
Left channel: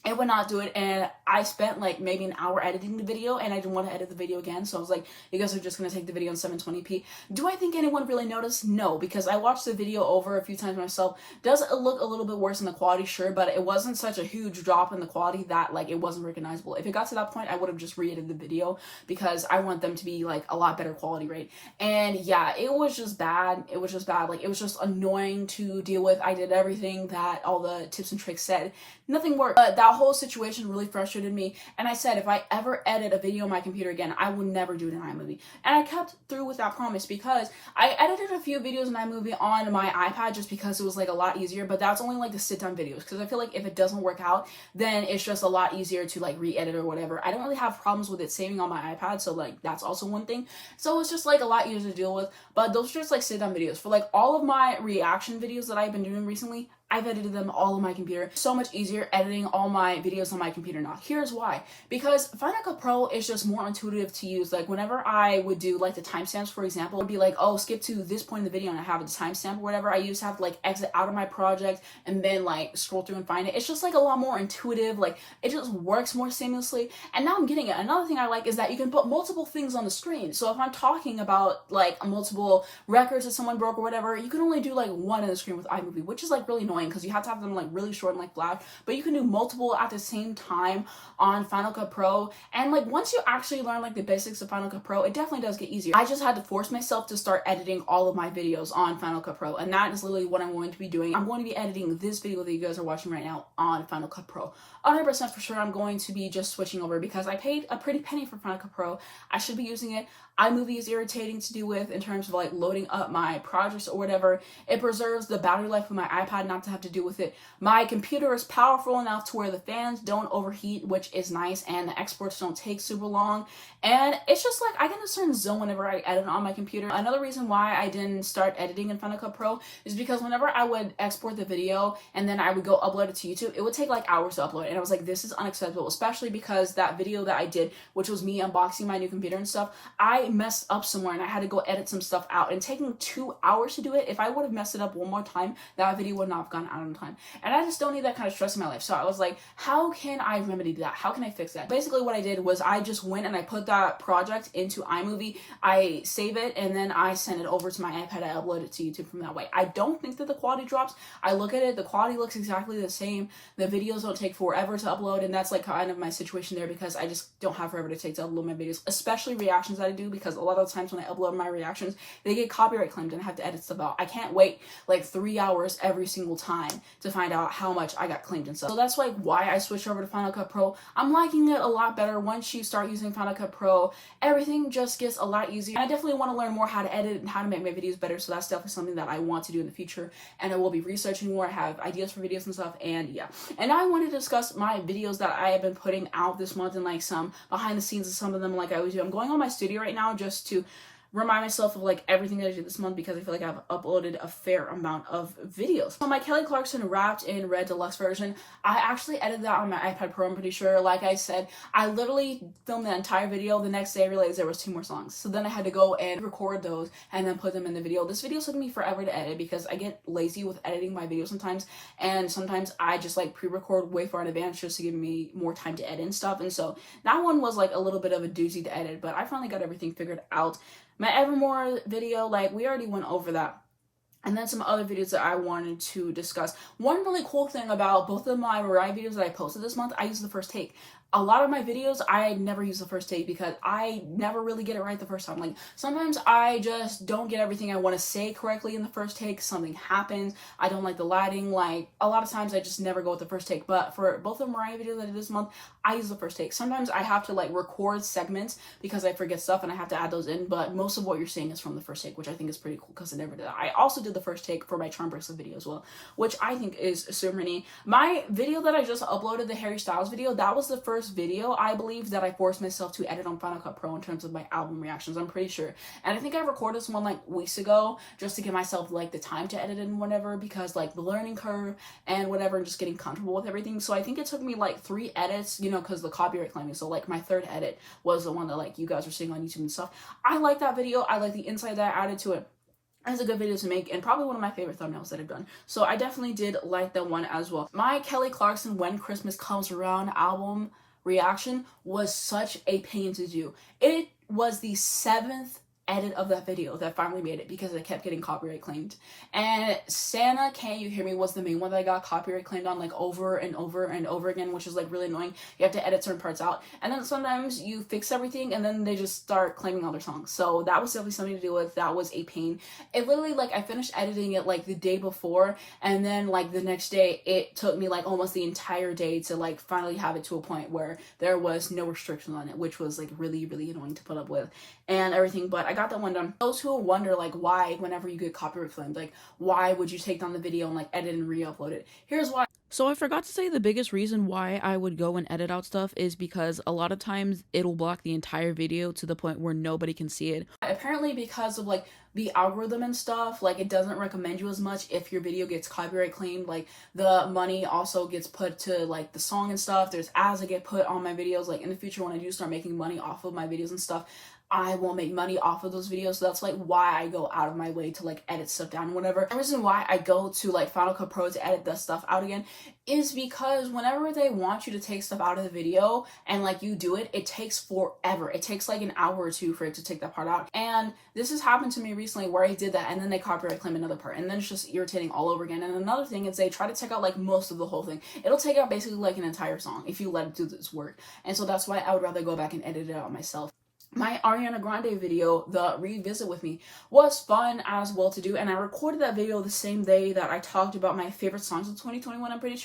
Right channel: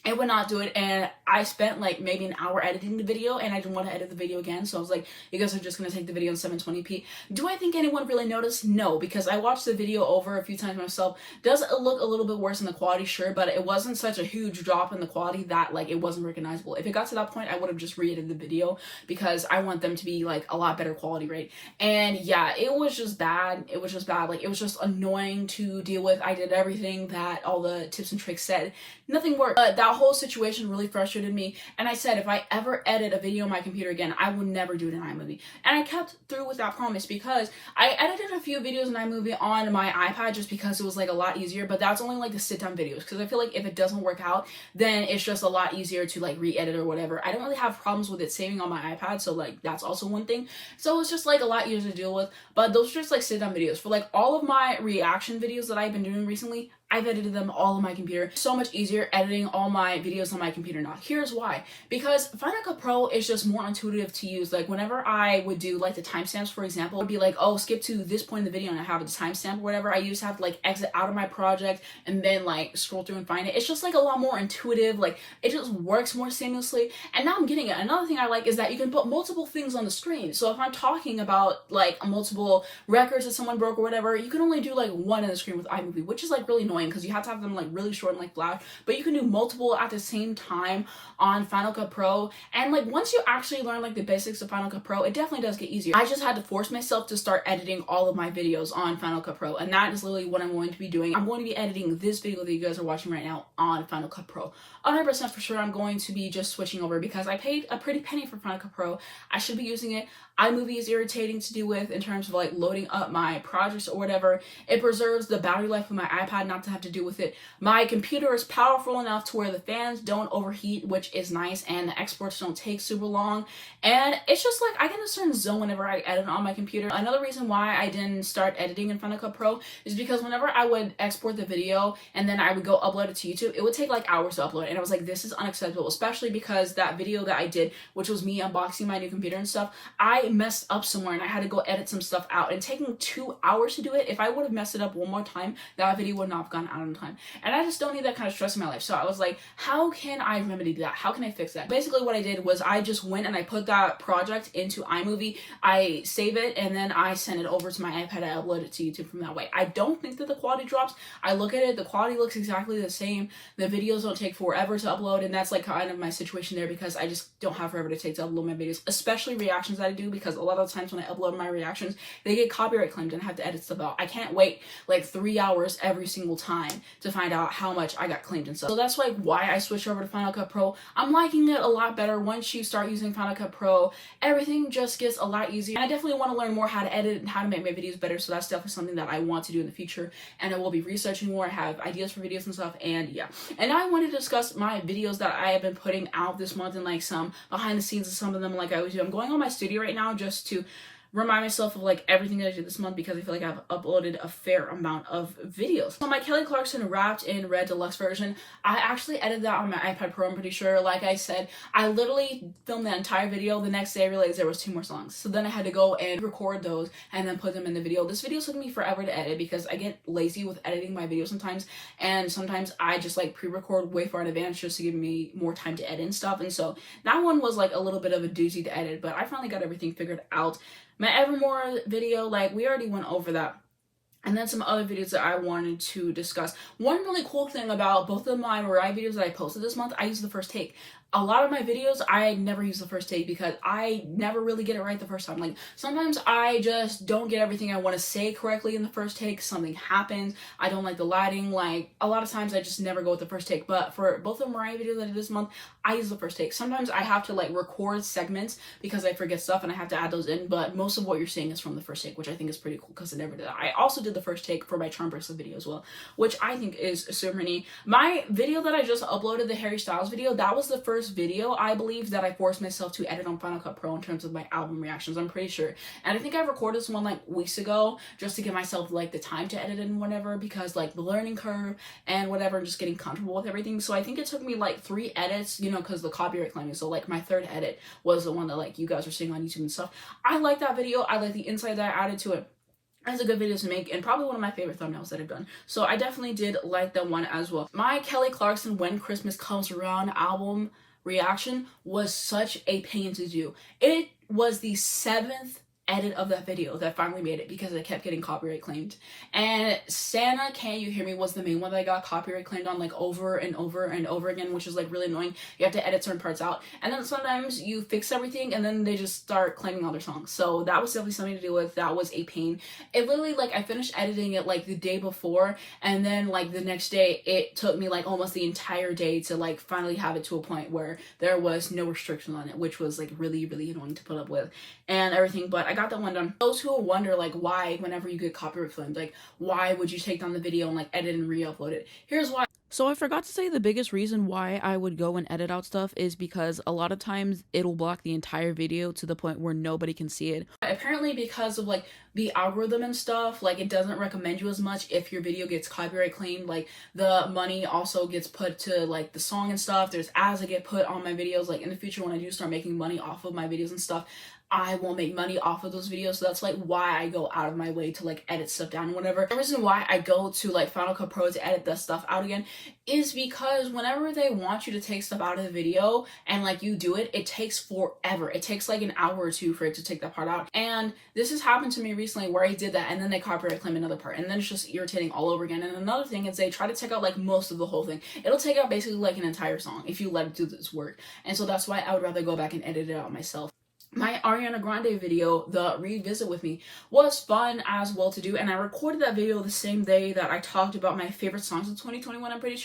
It would not do it, and I spent like maybe an hour editing the video, and I didn't want to edit the video again, so I was like, you guys are just going to take the video in 720p. Do I think anyone really noticed? No, because I watched the video over a few times myself. Does it look a little bit worse in the quality? Sure, but it wasn't such a huge drop in the quality that like it wasn't recognizable. If it got to that point, I would have just re-edited the video, because I want them to be like a lot better quality, right? And yeah, it was just bad. It was just bad. Like, it was just annoying to deal with. I did everything that all the tips and tricks said. Nothing worked. But that whole situation really frustrated me, and I said if I ever edit a video on my computer again, I will never do it in iMovie. And I kept through with that promise, because I edited a few videos in iMovie on my iPad just because it was like a lot easier, but that's only like the sit down videos, because I feel like if it doesn't work out, then it's just a lot easier to like re-edit or whatever. I don't really have problems with it saving on my iPad, so like that's also one thing. So it's just like a lot easier to deal with. But those are just like sit down videos. For like all of my reaction videos that I've been doing recently, I've edited them all on my computer. So much easier editing all my videos on my computer now. Here's why. Because Final Cut Pro is just more intuitive to use. Like, whenever I would do like the timestamps, for example, it would be like, oh, skip to this point in the video and I have a timestamp or whatever. I used to have to like exit out of my project and then like scroll through and find it. It's just like a lot more intuitive. Like, it just works more seamlessly. And now I'm getting it. Another thing I like is that you can put multiple things on the screen. So if I'm talking about like multiple records that someone broke or whatever, you can only do like one in the screen with iMovie, which is like really annoying. annoying because you have to have them like really short and like flash, but you can do multiple at the same time on Final Cut Pro. And like once you actually learn like the basics of Final Cut Pro, it definitely does get easier. I just had to force myself to start editing all of my videos on Final Cut Pro, and that is literally what I'm going to be doing. I'm going to be editing this video that you guys are watching right now on Final Cut Pro. 100% for sure I'm going to be just switching over because I paid a pretty penny for Final Cut Pro. I should be using it. iMovie is irritating to do with in terms of like loading up my projects or whatever. It preserves the battery life of my iPad not to have to do with it. My computer is powerful enough to where the fans don't overheat, which is nice, and the exports don't take super long. And it's just like I get in a certain zone whenever I edit on my computer. Another reason why I didn't start editing in Final Cut Pro is because whenever I would export the video and then I would go upload it to YouTube, it would take like hours to upload. And I was like, this is unacceptable, especially because that video that I did, which was me unboxing my new computer and stuff, I messed up somewhere and I had to go edit some stuff out, and taking 2 hours to do it, if I would have messed it up one more time, that video would not have gone out on time. And I just don't need that kind of stress in my life. So I was like, how can I remedy that? How can I fix that? Basically what I did was I just went and I put that project into iMovie, I save it, and then I send it over to my iPad. I upload it to YouTube from that way. I don't think that the quality drops. I look at it, the quality looks exactly the same. The videos don't take forever to upload, and that's like kind of my situation there because I just don't have forever to take to upload my videos, especially reactions that I do, because a lot of times when I upload my reactions, they get copyright claimed and I have to edit stuff out. I can't wait like 3 hours every single time to find out how much I got claimed and stuff. So that's like why I switched over to Final Cut Pro. I'm liking it a lot better. Once you start using Final Cut Pro, everything just gets a lot easier. And I definitely want to learn more how to edit and how to make my videos better. So that's definitely something that I want to do in the future. And I will be researching more. I have ideas for videos and stuff. And yeah. And I want to discuss my videos that I have been putting out this month and like some behind the scenes of some of them like I always do. I'm going on my studio right now just to remind myself of like everything that I did this month because I feel like I've uploaded a fair amount of videos. So my Kelly Clarkson Wrapped in Red Deluxe version, I actually edited that on my iPad Pro, I'm pretty sure. Like I said, I literally filmed the entire video. The next day I realized there was 2 more songs. So then I had to go and record those and then put them in the video. This video took me forever to edit because I get lazy with editing my videos sometimes. And sometimes I just like pre-record way far in advance just to give me more time to edit and stuff. And so that one was like a little bit of a doozy to edit, but I finally got everything figured out. My Evermore video, like we already went over that. And then some other videos that I wanted to discuss. One really cool thing about both of my Mariah videos that I posted this month, I used the first take. A lot of my videos, I never use the first take because I never really get it right the first time. Like, sometimes I just don't get everything I want to say correctly in the first take. Something happens. I don't like the lighting. Like, a lot of times I just never go with the first take. But for both of the Mariah videos I did this month, I use the first take. Sometimes I have to, like, record segments because I forget stuff and I have to add those in. But most of what you're seeing is from the first take, which I think is pretty cool because I never did that. I also did the first take for my charm bracelet video as well, which I think is super neat. My video that I just uploaded, the Harry Styles video, that was the first video I believe that I forced myself to edit on Final Cut Pro in terms of my album reactions. I'm pretty sure. And I think I recorded this one like weeks ago just to give myself like the time to edit and whatever, because like the learning curve and whatever, and just getting comfortable with everything. So I think it took me like 3 edits, you know, because the copyright claiming. So like my 3rd edit was the one that like you guys are seeing on YouTube and stuff. I like that video. I like the insight that I added to it. It's a good video to make and probably one of my favorite thumbnails that I've done. So I definitely did like that one as well. My Kelly Clarkson When Christmas Comes Around album reaction was such a pain to do. It was the 7th edit of that video that finally made it because it kept getting copyright claimed. And Santa Can You Hear Me was the main one that I got copyright claimed on like over and over and over again, which is like really annoying. You have to edit certain parts out, and then sometimes you fix everything and then they just start claiming all their songs. So that was definitely something to deal with. That was a pain. It literally, like, I finished editing it like the day before, and then like the next day it took me like almost the entire day to like finally have it to a point where there was no restrictions on it, which was like really annoying to put up with and everything. But I got that one done. Those who wonder like why whenever you get copyright claimed, like why would you take down the video and like edit and re-upload it? Here's why. So I forgot to say the biggest reason why I would go and edit out stuff is because a lot of times it'll block the entire video to the point where nobody can see it. Apparently because of like the algorithm and stuff, like it doesn't recommend you as much if your video gets copyright claimed. Like the money also gets put to like the song and stuff. There's ads that get put on my videos. Like in the future when I do start making money off of my videos and stuff, I won't make money off of those videos. So that's like why I go out of my way to like edit stuff down and whatever. The reason why I go to like Final Cut Pro to edit that stuff out again is because whenever they want you to take stuff out of the video and like you do it, it takes forever. It takes like an hour or two for it to take that part out. And this has happened to me recently where I did that and then they copyright claim another part and then it's just irritating all over again. And another thing is they try to take out like most of the whole thing. It'll take out basically like an entire song if you let it do this work. And so that's why I would rather go back and edit it out myself. My Ariana Grande video, the Revisit With Me, was fun as well to do, and I recorded that video the same day that I talked about my favorite songs of 2021. I'm pretty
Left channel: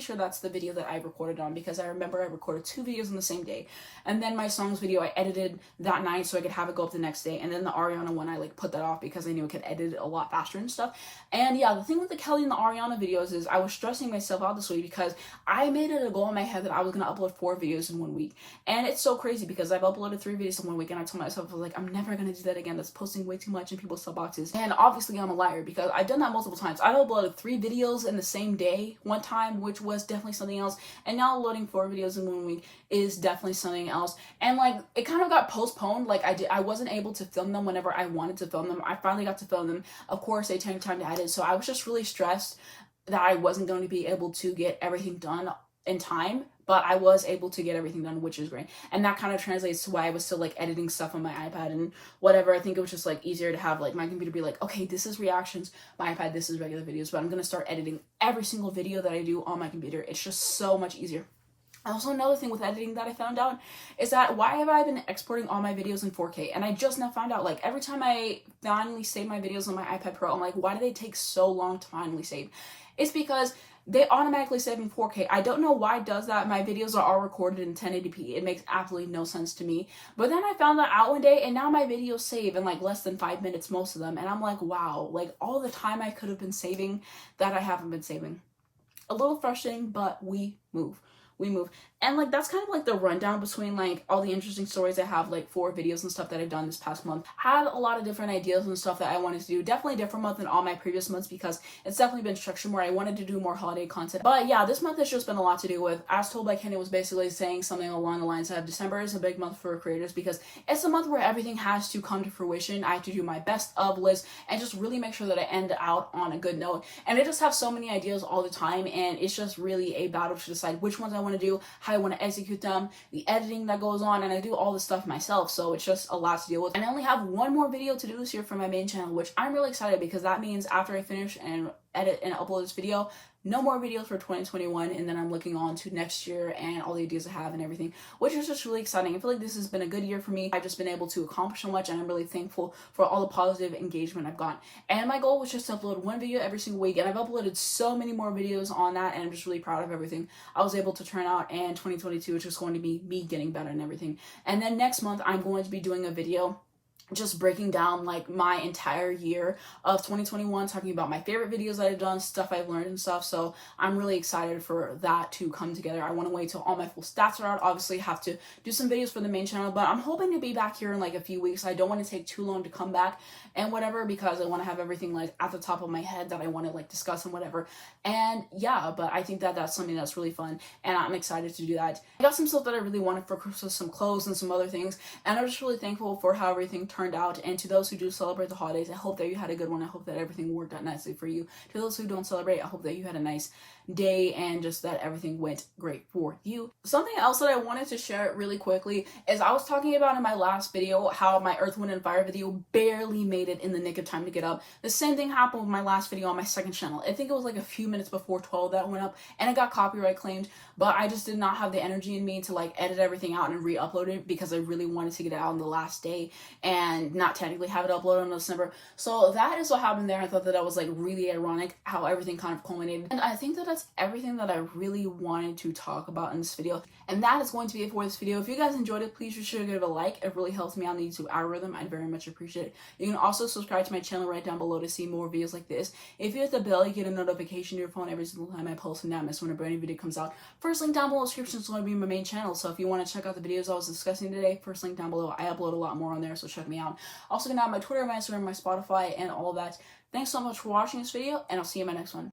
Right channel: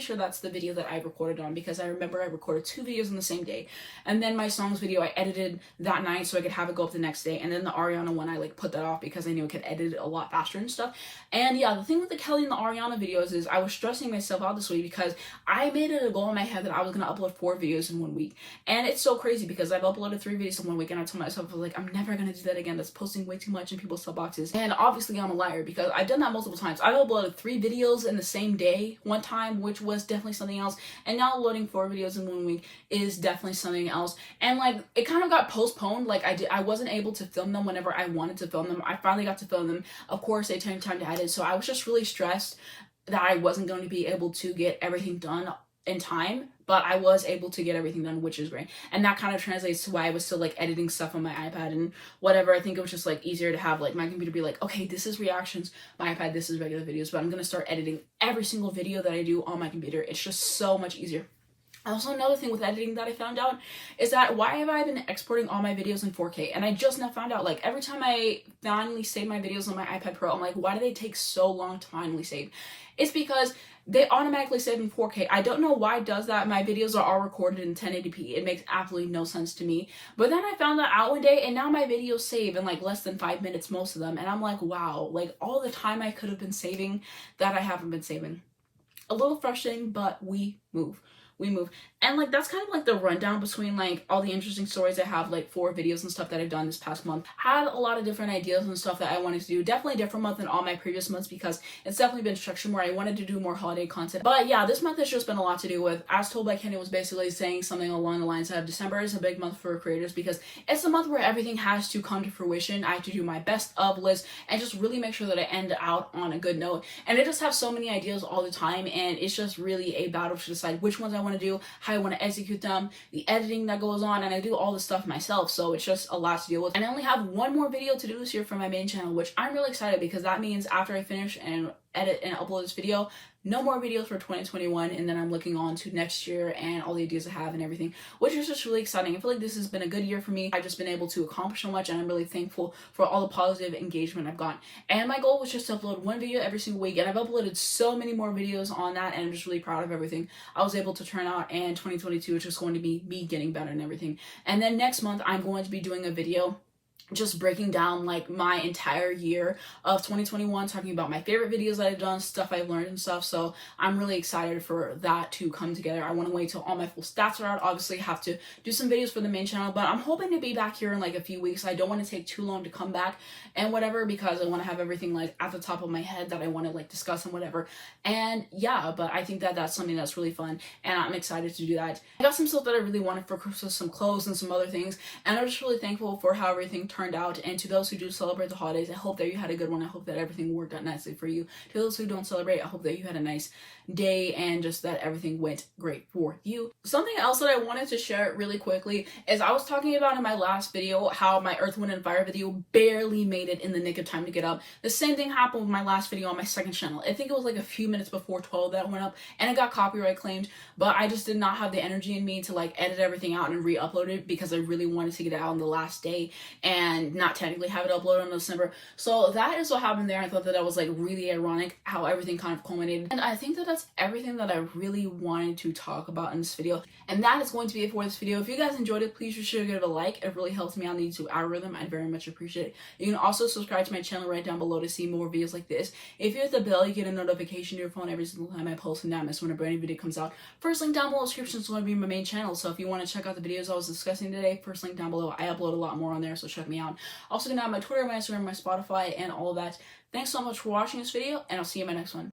sure that's the video that I recorded on, because I remember I recorded 2 videos on the same day, and then my songs video I edited that night so I could have it go up the next day, and then the Ariana one I like put that off because I knew I could edit it a lot faster and stuff. And yeah, the thing with the Kelly and the Ariana videos is I was stressing myself out this week because I made it a goal in my head that I was gonna upload 4 videos in 1 week, and it's so crazy because I've uploaded 3 videos in 1 week, and I told myself, I was like, I'm never gonna do that again. That's posting way too much in people's boxes. And obviously I'm a liar because I've done that multiple times. I've uploaded 3 videos in the same day one time, which was definitely something else, and now loading 4 videos in 1 week is definitely something else. And like it kind of got postponed. Like I wasn't able to film them whenever I wanted to film them. I finally got to film them. Of course they took time to edit, so I was just really stressed that I wasn't going to be able to get everything done in time, but I was able to get everything done, which is great. And that kind of translates to why I was still like editing stuff on my iPad and whatever. I think it was just like easier to have like my computer be like, okay, this is reactions, my iPad, this is regular videos, but I'm gonna start editing every single video that I do on my computer. It's just so much easier. Also, another thing with editing that I found out is that why have I been exporting all my videos in 4K? And I just now found out, like, every time I finally save my videos on my iPad Pro, I'm like, why do they take so long to finally save? It's because they automatically save in 4K. I don't know why it does that. My videos are all recorded in 1080p. It makes absolutely no sense to me. But then I found that out one day, and now my videos save in like less than 5 minutes, most of them. And I'm like, wow, like all the time I could have been saving that I haven't been saving. A little frustrating, but we move. And like that's kind of like the rundown between like all the interesting stories I have like for videos and stuff that I've done this past month. Had a lot of different ideas and stuff that I wanted to do. Definitely a different month than all my previous months because it's definitely been structured more. I wanted to do more holiday content. But yeah, this month has just been a lot to do with. As Told by Kenny was basically saying something along the lines of December is a big month for creators because it's a month where everything has to come to fruition. I have to do my best of list and just really make sure that I end out on a good note. And I just have so many ideas all the time, and it's just really a battle to decide which ones I want to do, how I want to execute them, the editing that goes on, and I do all this stuff myself, so it's just a lot to deal with. And I only have 1 more video to do this year for my main channel, which I'm really excited because that means after I finish and edit and upload this video, no more videos for 2021, and then I'm looking on to next year and all the ideas I have and everything, which is just really exciting. I feel like this has been a good year for me. I've just been able to accomplish so much, and I'm really thankful for all the positive engagement I've gotten. And my goal was just to upload 1 video every single week, and I've uploaded so many more videos on that, and I'm just really proud of everything I was able to turn out. And 2022 is just going to be me getting better and everything. And then next month, I'm going to be doing a video just breaking down like my entire year of 2021, talking about my favorite videos that I've done, stuff I've learned and stuff. So I'm really excited for that to come together. I want to wait till all my full stats are out. Obviously have to do some videos for the main channel, but I'm hoping to be back here in like a few weeks. I don't want to take too long to come back and whatever, because I want to have everything like at the top of my head that I want to like discuss and whatever. And yeah, but I think that that's something that's really fun, and I'm excited to do that. I got some stuff that I really wanted for Christmas, some clothes and some other things, and I'm just really thankful for how everything turned out. And to those who do celebrate the holidays, I hope that you had a good one. I hope that everything worked out nicely for you. To those who don't celebrate, I hope that you had a nice day and just that everything went great for you. Something else that I wanted to share really quickly is I was talking about in my last video how my Earth, Wind, and Fire video barely made it in the nick of time to get up. The same thing happened with my last video on my second channel. I think it was like a few minutes before 12 that went up, and it got copyright claimed, but I just did not have the energy in me to like edit everything out and re-upload it because I really wanted to get it out on the last day and not technically have it uploaded in December. So that is what happened there. I thought that that was like really ironic how everything kind of culminated, and I think that that's everything that I really wanted to talk about in this video, and that is going to be it for this video. If you guys enjoyed it, please be sure to give it a like. It really helps me out in the YouTube algorithm. I'd very much appreciate it. You can also subscribe to my channel right down below to see more videos like this. If you hit the bell, you get a notification to your phone every single time I post, and not miss when a brand new video comes out. First link down below in the description is going to be my main channel, so if you want to check out the videos I was discussing today, first link down below. I upload a lot more on there, so check me out. Also gonna have my Twitter, my Instagram, my Spotify, and all that. Thanks so much for watching this video, and I'll see you in my next one.